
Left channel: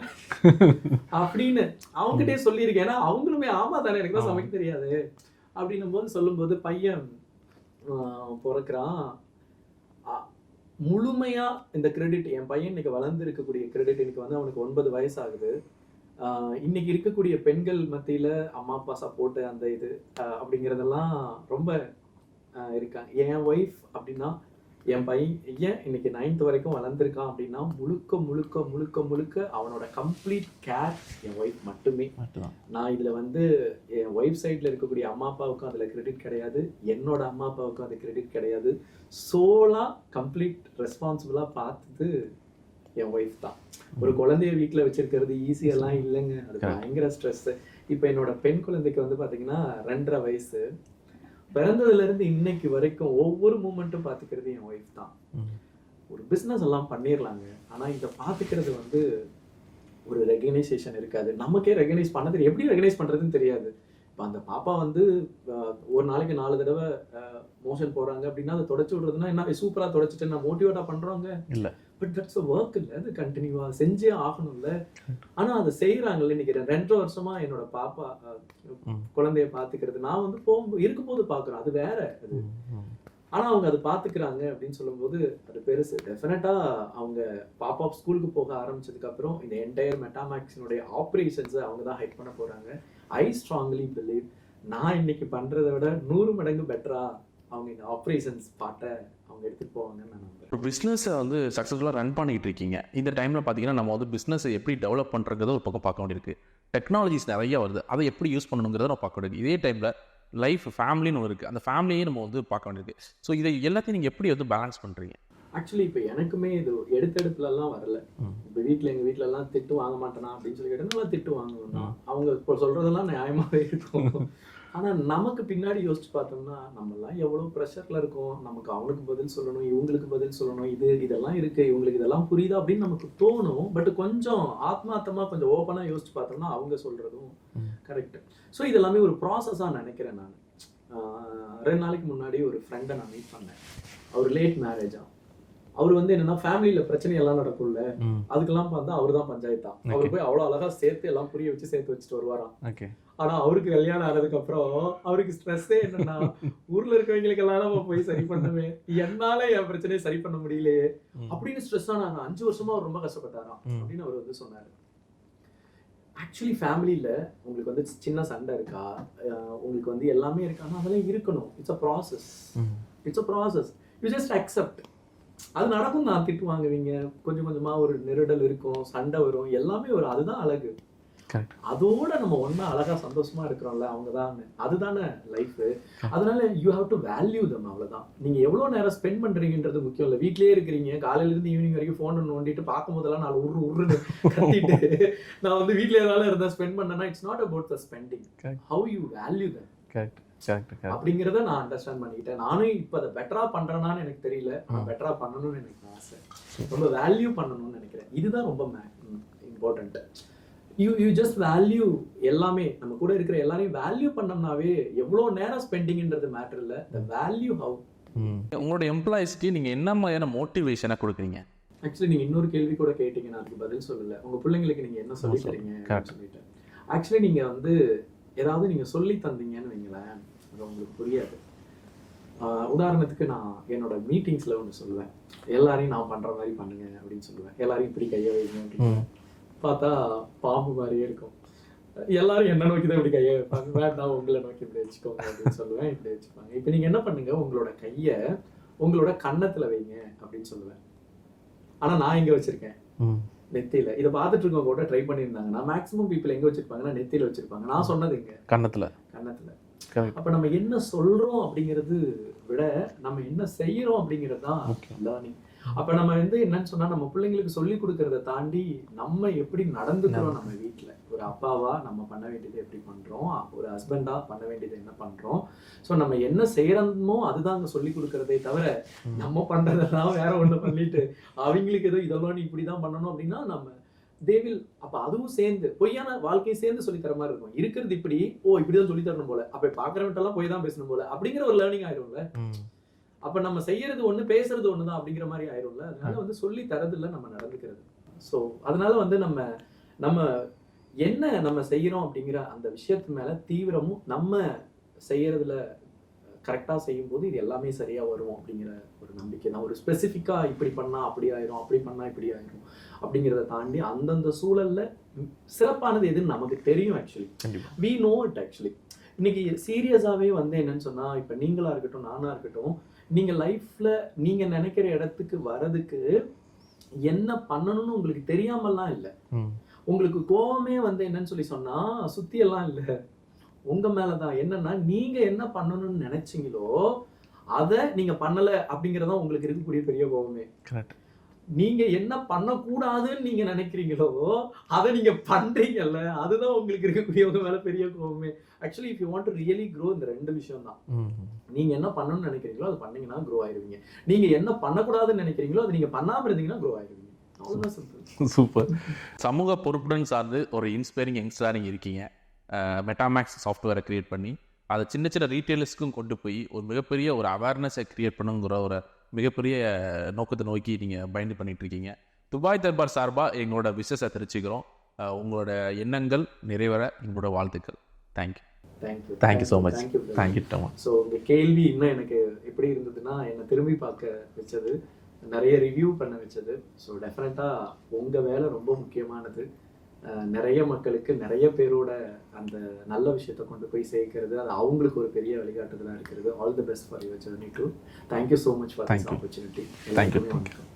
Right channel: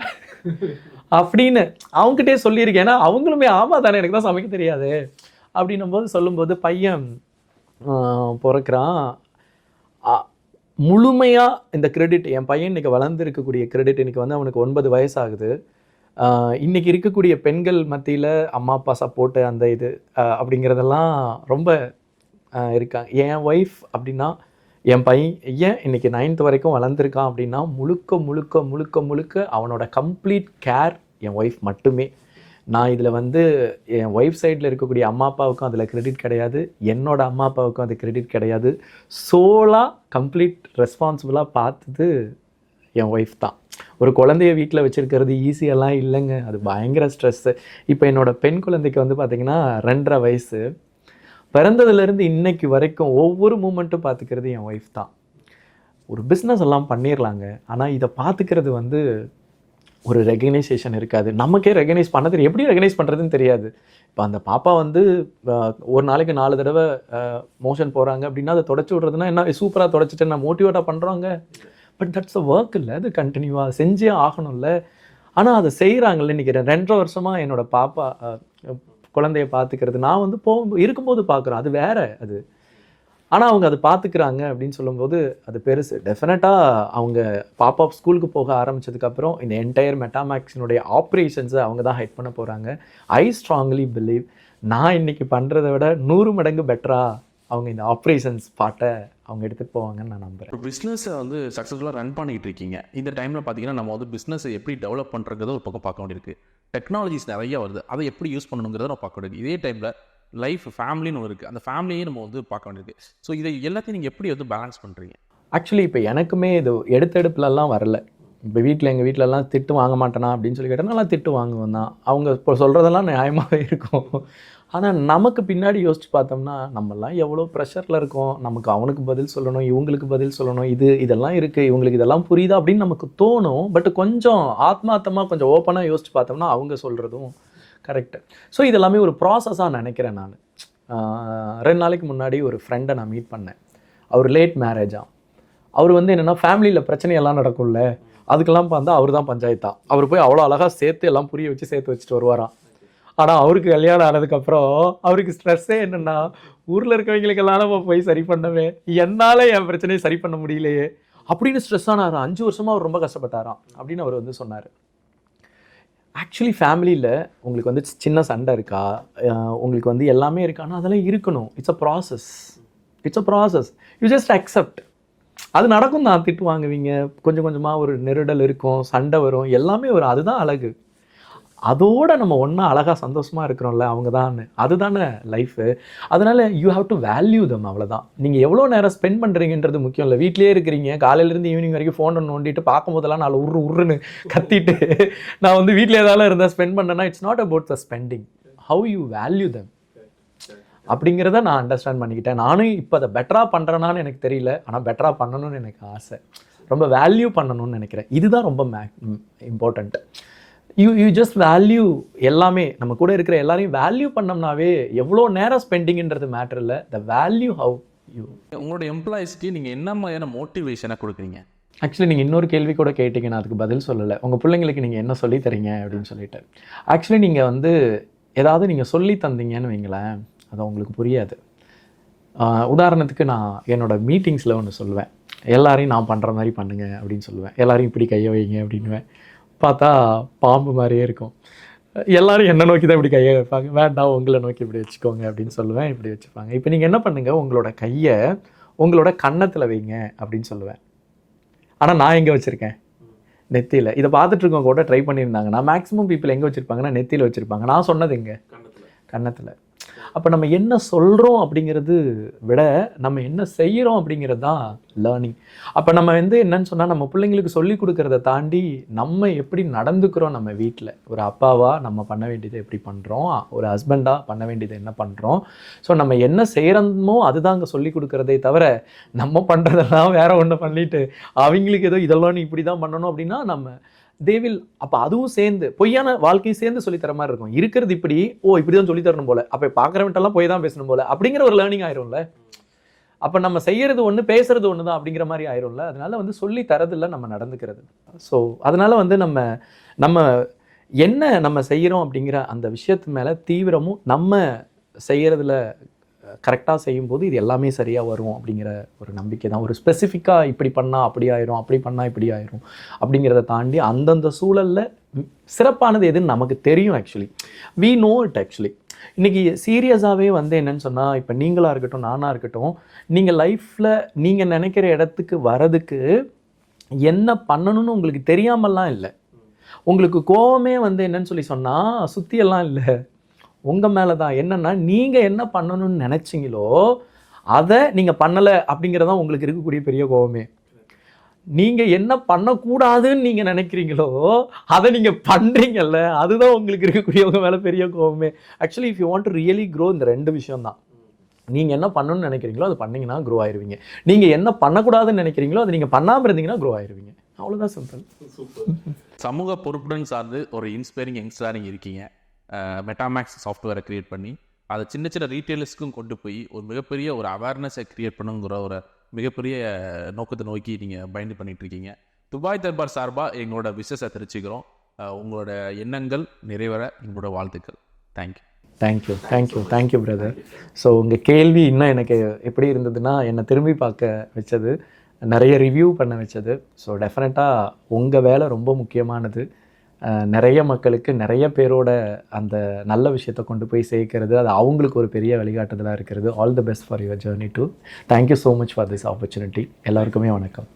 அப்படின்னு அவங்ககிட்டே சொல்லியிருக்கேன். ஏன்னா அவங்களுமே ஆமாம் தானே, எனக்கு தான் சமைக்க தெரியாது அப்படின்னும் போது சொல்லும்போது பையன் பிறக்கிறான். முழுமையாக இந்த கிரெடிட் என் பையன் இன்றைக்கி வளர்ந்துருக்கக்கூடிய கிரெடிட், இன்றைக்கி வந்து அவனுக்கு 9 வயசு ஆகுது. இன்றைக்கி இருக்கக்கூடிய பெண்கள் மத்தியில் அம்மா அப்பா சப்போர்ட்டு அந்த இது அப்படிங்கிறதெல்லாம் ரொம்ப இருக்காங்க. என் ஒய்ஃப் அப்படின்னா, என் பையன் இன்றைக்கி 9th வரைக்கும் வளர்ந்துருக்கான் அப்படின்னா முழுக்க முழுக்க முழுக்க முழுக்க அவனோட கம்ப்ளீட் கேர் என் ஒய்ஃப் மட்டுமே. நான் இதில் வந்து என் ஒய்ஃப் சைடில் இருக்கக்கூடிய அம்மா அப்பாவுக்கும் அதில் கிரெடிட் கிடையாது, என்னோட அம்மா அப்பாவுக்கும் அது கிரெடிட் கிடையாது. சோலாக கம்ப்ளீட் ரெஸ்பான்சிபிளாக பார்த்தது என் ஒய்ஃப் தான். ஒரு குழந்தைய வீட்டில் வச்சுருக்கிறது ஈஸியெல்லாம் இல்லைங்க, அது பயங்கர ஸ்ட்ரெஸ்ஸு. இப்போ என்னோட பெண் குழந்தைக்கு வந்து பார்த்திங்கன்னா 2.5 வயசு. பிறந்ததுலேருந்து இன்னைக்கு வரைக்கும் ஒவ்வொரு மூமெண்ட்டும் பார்த்துக்கிறது என் ஒய்ஃப் தான். ஒரு பிஸ்னஸ் எல்லாம் பண்ணிடலாங்க, ஆனால் இதை பார்த்துக்கிறது வந்து ஒரு ரெகனைசேஷன் இருக்காது. நமக்கே ரெகனைஸ் பண்ண தெரியும், எப்படி ரெகனைஸ் பண்ணுறதுன்னு தெரியாது. இப்போ அந்த பாப்பா வந்து ஒரு நாளைக்கு 4 தடவை மோஷன் போகிறாங்க அப்படின்னா அதை தொடச்சி விட்றதுனா என்ன, சூப்பராக தொடச்சிட்டு நான் மோட்டிவேட்டாக பண்ணுறாங்க இல்லை, பட் தட்ஸ் அ ஒர்க் இல்லை, அது கண்டினியூவாக செஞ்சே ஆகணும்ல. ஆனால் அதை செய்கிறாங்கல்ல. இன்றைக்கி 2.5 வருஷமாக என்னோட பாப்பா குழந்தைய பார்த்துக்கிறது நான் வந்து இருக்கும்போது பார்க்குறேன், அது வேற அது. ஆனால் அவங்க அதை பார்த்துக்கிறாங்க அப்படின்னு சொல்லும்போது அது பெருசு. டெஃபினட்டாக அவங்க பாப்பா ஸ்கூலுக்கு போக ஆரம்பித்ததுக்கப்புறம் இந்த என்டையர் மெட்டாமேக்ஸினுடைய ஆப்ரேஷன்ஸை அவங்க தான் ஹெட் பண்ண போகிறாங்க. ஐ ஸ்ட்ராங்லி பிலீவ் நான் இன்றைக்கி பண்ணுறதை விட 100 மடங்கு பெட்டராக அவங்க இந்த ஆப்ரேஷன்ஸ் பாட்டை அவங்க எடுத்துகிட்டு போவாங்கன்னு நான் நம்புகிறேன். இப்போ பிஸ்னஸை வந்து சக்ஸஸ்ஃபுல்லாக ரன் பண்ணிகிட்டு இருக்கீங்க. இந்த டைமில் பார்த்தீங்கன்னா நம்ம வந்து பிஸ்னஸை எப்படி டெவலப் பண்ணுறத ஒரு பக்கம் பார்க்க வேண்டியிருக்கு. டெக்னாலஜிஸ் நிறைய வருது, அதை எப்படி யூஸ் பண்ணணுங்கிறத நம்ம பார்க்க வேண்டியது. இதே டைமில் லைஃப் ஃபேமிலின்னு ஒன்று இருக்குது, அந்த ஃபேமிலியே நம்ம வந்து பார்க்க வேண்டியது. ஸோ இதை எல்லாத்தையும் நீங்கள் எப்படி வந்து பேலன்ஸ் பண்ணுறீங்க? ஆக்சுவலி இப்போ எனக்குமே இது எடுத்தெடுப்புலலாம் வரல. இப்போ எங்கள் வீட்டிலலாம் திட்டு வாங்க மாட்டேனா அப்படின்னு சொல்லி கேட்டால் நல்லா திட்டு வாங்குவேன் தான். அவங்க இப்போ சொல்கிறதெல்லாம் நியாயமாகவே இருக்கும். ஆனால் நமக்கு பின்னாடி யோசிச்சு பார்த்தோம்னா நம்மலாம் எவ்வளோ ப்ரெஷரில் இருக்கோம். நமக்கு அவனுக்கு பதில் சொல்லணும், இவங்களுக்கு பதில் சொல்லணும், இதெல்லாம் இருக்குது, இவங்களுக்கு இதெல்லாம் புரியுதா அப்படின்னு நமக்கு தோணும். பட் கொஞ்சம் ஆத்மார்த்தமாக கொஞ்சம் ஓப்பனாக யோசிச்சு பார்த்தோம்னா அவங்க சொல்கிறதும் கரெக்டு. ஸோ இதெல்லாமே ஒரு ப்ராசஸாக நினைக்கிறேன் நான். 2 நாளைக்கு முன்னாடி ஒரு ஃப்ரெண்டை நான் மீட் பண்ணேன். அவர் லேட் மேரேஜாக. அவர் வந்து என்னென்னா ஃபேமிலியில் பிரச்சனையெல்லாம் நடக்கும்ல, அதுக்கெல்லாம் பார்த்தா அவர் தான் பஞ்சாயத்தா. அவர் போய் அவ்வளோ அழகாக சேர்த்து எல்லாம் புரிய வச்சு சேர்த்து வச்சுட்டு வருவாராம். ஆனால் அவருக்கு கல்யாணம் ஆனதுக்கப்புறம் அவருக்கு ஸ்ட்ரெஸ்ஸே என்னென்னா, ஊரில் இருக்கவங்களுக்கெல்லாம் நம்ம போய் சரி பண்ணவே, என்னால் என் பிரச்சனையை சரி பண்ண முடியலையே அப்படின்னு ஸ்ட்ரெஸ் ஆனாராம். 5 வருஷமாக அவர் ரொம்ப கஷ்டப்பட்டாராம் அப்படின்னு அவர் வந்து சொன்னார். ஆக்சுவலி ஃபேமிலியில் உங்களுக்கு வந்து சின்ன சண்டை இருக்கா, உங்களுக்கு வந்து எல்லாமே இருக்கானா, அதெல்லாம் இருக்கணும். It's a process. You just accept. அது நடக்கும் தான், திட்டு வாங்குவீங்க, கொஞ்சம் கொஞ்சமாக ஒரு நெருடல் இருக்கும், சண்டை வரும், எல்லாமே வரும். அதுதான் அழகு. அதோட நம்ம ஒன்றா அழகாக சந்தோஷமாக இருக்கிறோம்ல, அவங்க தான், அதுதானே லைஃபு. அதனால் யூ ஹாவ் டு வேல்யூ தம். அவ்வளோதான். நீங்கள் எவ்வளோ நேரம் ஸ்பெண்ட் பண்ணுறீங்கன்றது முக்கியம் இல்லை. வீட்டிலே இருக்கிறீங்க, காலையிலேருந்து ஈவினிங் வரைக்கும் ஃபோனை நோண்டிட்டு பார்க்கும்போதெல்லாம் நான் உருன்னு கத்திட்டு நான் வந்து வீட்டில் ஏதாவது இருந்தால் ஸ்பெண்ட் பண்ணேன்னா it's not about the spending, how you value them. அப்படிங்கிறத நான் அண்டர்ஸ்டாண்ட் பண்ணிக்கிட்டேன். நானும் இப்போ அதை பெட்டராக பண்ணுறேனான்னு எனக்கு தெரியல, ஆனால் பெட்டராக பண்ணணும்னு எனக்கு ஆசை. ரொம்ப வேல்யூ பண்ணணும்னு நினைக்கிறேன். இதுதான் ரொம்ப இம்பார்ட்டண்ட். யூ ஜஸ்ட் வேல்யூ எல்லாமே. நம்ம கூட இருக்கிற எல்லாரையும் வேல்யூ பண்ணோம்னாவே எவ்வளோ நேரம் ஸ்பெண்டிங்ன்றது மேட்டர் இல்லை, த வேல்யூ ஹவு. உங்களோட எம்ப்ளாயிஸ்க்கு நீங்கள் என்ன மாதிரியான மோட்டிவேஷனை கொடுக்குறீங்க? ஆக்சுவலி நீங்கள் இன்னொரு கேள்வி கூட கேட்டீங்க, நான் அதுக்கு பதில் சொல்லலை. உங்கள் பிள்ளைங்களுக்கு நீங்கள் என்ன சொல்லி தரீங்க அப்படின்னு சொல்லிட்டு. ஆக்சுவலி நீங்கள் வந்து ஏதாவது நீங்கள் சொல்லி தந்தீங்கன்னு வைங்களேன், அது உங்களுக்கு புரியாது. உதாரணத்துக்கு நான் என்னோடய மீட்டிங்ஸில் ஒன்று சொல்லுவேன், எல்லாரையும் நான் பண்ணுற மாதிரி பண்ணுங்க அப்படின்னு சொல்லுவேன். எல்லாரையும் இப்படி கையை வைங்க அப்படின்னுவேன். பார்த்தா பாம்பு மாதிரியே இருக்கும். எல்லாரும் என்ன நோக்கி தான் இப்படி கையை வைப்பாங்க. வேண்டாம், உங்களை நோக்கி இப்படி வச்சுக்கோங்க அப்படின்னு சொல்லுவேன். இப்படி வச்சுப்பாங்க. இப்போ நீங்கள் என்ன பண்ணுங்கள், உங்களோட கையை உங்களோட கன்னத்தில் வைங்க அப்படின்னு சொல்லுவேன். ஆனால் நான் எங்கே வச்சுருக்கேன்? நெத்தியில். இதை பார்த்துட்டு இருக்கவங்க கூட ட்ரை பண்ணியிருந்தாங்கன்னா மேக்ஸிமம் பீப்புள் எங்கே வச்சுருப்பாங்கன்னா நெத்தியில் வச்சுருப்பாங்க. நான் சொன்னது எங்கே? கன்னத்தில். அப்போ நம்ம என்ன சொல்கிறோம் அப்படிங்கிறது விட நம்ம என்ன செய்கிறோம் அப்படிங்கிறது தான் லேர்னிங். அப்போ நம்ம வந்து என்னன்னு சொன்னால், நம்ம பிள்ளைங்களுக்கு சொல்லி கொடுக்கறத தாண்டி நம்ம எப்படி நடந்துக்கிறோம் நம்ம வீட்டில். ஒரு அப்பாவா நம்ம பண்ண வேண்டியதை எப்படி பண்ணுறோம், ஒரு ஹஸ்பண்டாக பண்ண வேண்டியதை என்ன பண்ணுறோம். ஸோ நம்ம என்ன செய்கிறோமோ அதுதான் அங்கே சொல்லி கொடுக்குறதே தவிர, நம்ம பண்ணுறதெல்லாம் வேற ஒன்று பண்ணிட்டு அவங்களுக்கு ஏதோ இதெல்லாம் நீ இப்படி தான் பண்ணணும் அப்படின்னா நம்ம தேவில். அப்போ அதுவும் சேர்ந்து பொய்யான வாழ்க்கையை சேர்ந்து சொல்லித்தர மாதிரி இருக்கும். இருக்கிறது இப்படி, இப்படி தான் சொல்லித்தரணும் போல, அப்போ பார்க்குறவன்ட்டெல்லாம் போய் தான் பேசணும் போல அப்படிங்கிற ஒரு லேர்னிங் ஆயிரும்ல. அப்போ நம்ம செய்யறது ஒன்று, பேசுறது ஒன்று தான் அப்படிங்கிற மாதிரி ஆயிரும்ல. அதனால வந்து சொல்லி தரதில்லை, நம்ம நடந்துக்கிறது. ஸோ அதனால வந்து நம்ம என்ன நம்ம செய்கிறோம் அப்படிங்கிற அந்த விஷயத்து மேலே தீவிரமும், நம்ம செய்யறதுல கரெக்டாக செய்யும்போது இது எல்லாமே சரியாக வரும் அப்படிங்கிற ஒரு நம்பிக்கை தான். ஒரு ஸ்பெசிஃபிக்காக இப்படி பண்ணால் அப்படி ஆயிரும், அப்படி பண்ணால் இப்படி ஆயிரும் அப்படிங்கிறத தாண்டி அந்தந்த சூழலில் சிறப்பானது எதுன்னு நமக்கு தெரியும். Actually we know it. Actually இன்றைக்கி சீரியஸாகவே வந்து என்னன்னு சொன்னால், இப்போ நீங்களாக இருக்கட்டும், நானாக இருக்கட்டும், நீங்கள் லைஃப்பில் நீங்கள் நினைக்கிற இடத்துக்கு வரதுக்கு என்ன பண்ணணும்னு உங்களுக்கு தெரியாமல்லாம் இல்லை. உங்களுக்கு கோவமே வந்து என்னன்னு சொல்லி சொன்னால் சுற்றியெல்லாம் இல்லை, உங்கள் மேலே தான். என்னென்னா நீங்கள் என்ன பண்ணணும்னு நினச்சிங்களோ அதை நீங்கள் பண்ணலை அப்படிங்கிறதான் உங்களுக்கு இருக்கக்கூடிய பெரிய கோவமே. நீங்கள் என்ன பண்ணக்கூடாதுன்னு நீங்கள் நினைக்கிறீங்களோ அதை நீங்கள் பண்ணுறீங்கல்ல, அதுதான் உங்களுக்கு இருக்கக்கூடியவங்க மேலே பெரிய கோவமே. Actually if you want to really grow, இந்த ரெண்டு விஷயம் தான். நீங்கள் என்ன பண்ணணும்னு நினைக்கிறீங்களோ அதை பண்ணிங்கன்னா க்ரோ ஆயிடுவீங்க. நீங்கள் என்ன பண்ணக்கூடாதுன்னு நினைக்கிறீங்களோ அதை நீங்கள் பண்ணாமல் இருந்தீங்கன்னா க்ரோ ஆயிடுவீங்க. அவ்வளோதான் சிம்பிள். சூப்பர். சமூக பொறுப்புடன் சார்ந்து ஒரு இன்ஸ்பைரிங் யங்ஸ்டராக இருக்கீங்க. மெட்டாமேக்ஸ் சாஃப்ட்வேரை க்ரியேட் பண்ணி அதை சின்ன சின்ன ரீட்டெயிலர்ஸ்க்கும் கொண்டு போய் ஒரு மிகப்பெரிய ஒரு அவேர்னஸை க்ரியேட் பண்ணுங்கிற ஒரு மிகப்பெரிய நோக்கத்தை நோக்கி நீங்கள் பயந்து பண்ணிட்டு இருக்கீங்க. துபாய் தர்பார் சார்பாக எங்களோட விஷஸை தெரிவிச்சுக்கிறோம். உங்களோட எண்ணங்கள் நிறைவேற எங்களோட வாழ்த்துக்கள். Thank you brother. ஸோ உங்கள் கேள்வி இன்னும் எனக்கு எப்படி இருந்ததுன்னா, என்னை திரும்பி பார்க்க வச்சது, நிறைய ரிவ்யூ பண்ண வச்சது. ஸோ டெஃபினட்டாக உங்கள் வேலை ரொம்ப முக்கியமானது. நிறைய மக்களுக்கு நிறைய பேரோட அந்த நல்ல விஷயத்தை கொண்டு போய் சேர்க்கிறது, அது அவங்களுக்கு ஒரு பெரிய வழிகாட்டுதலாக இருக்கிறது. All the best for your journey too. Thank you so much for this opportunity. எல்லாருக்குமே வணக்கம்.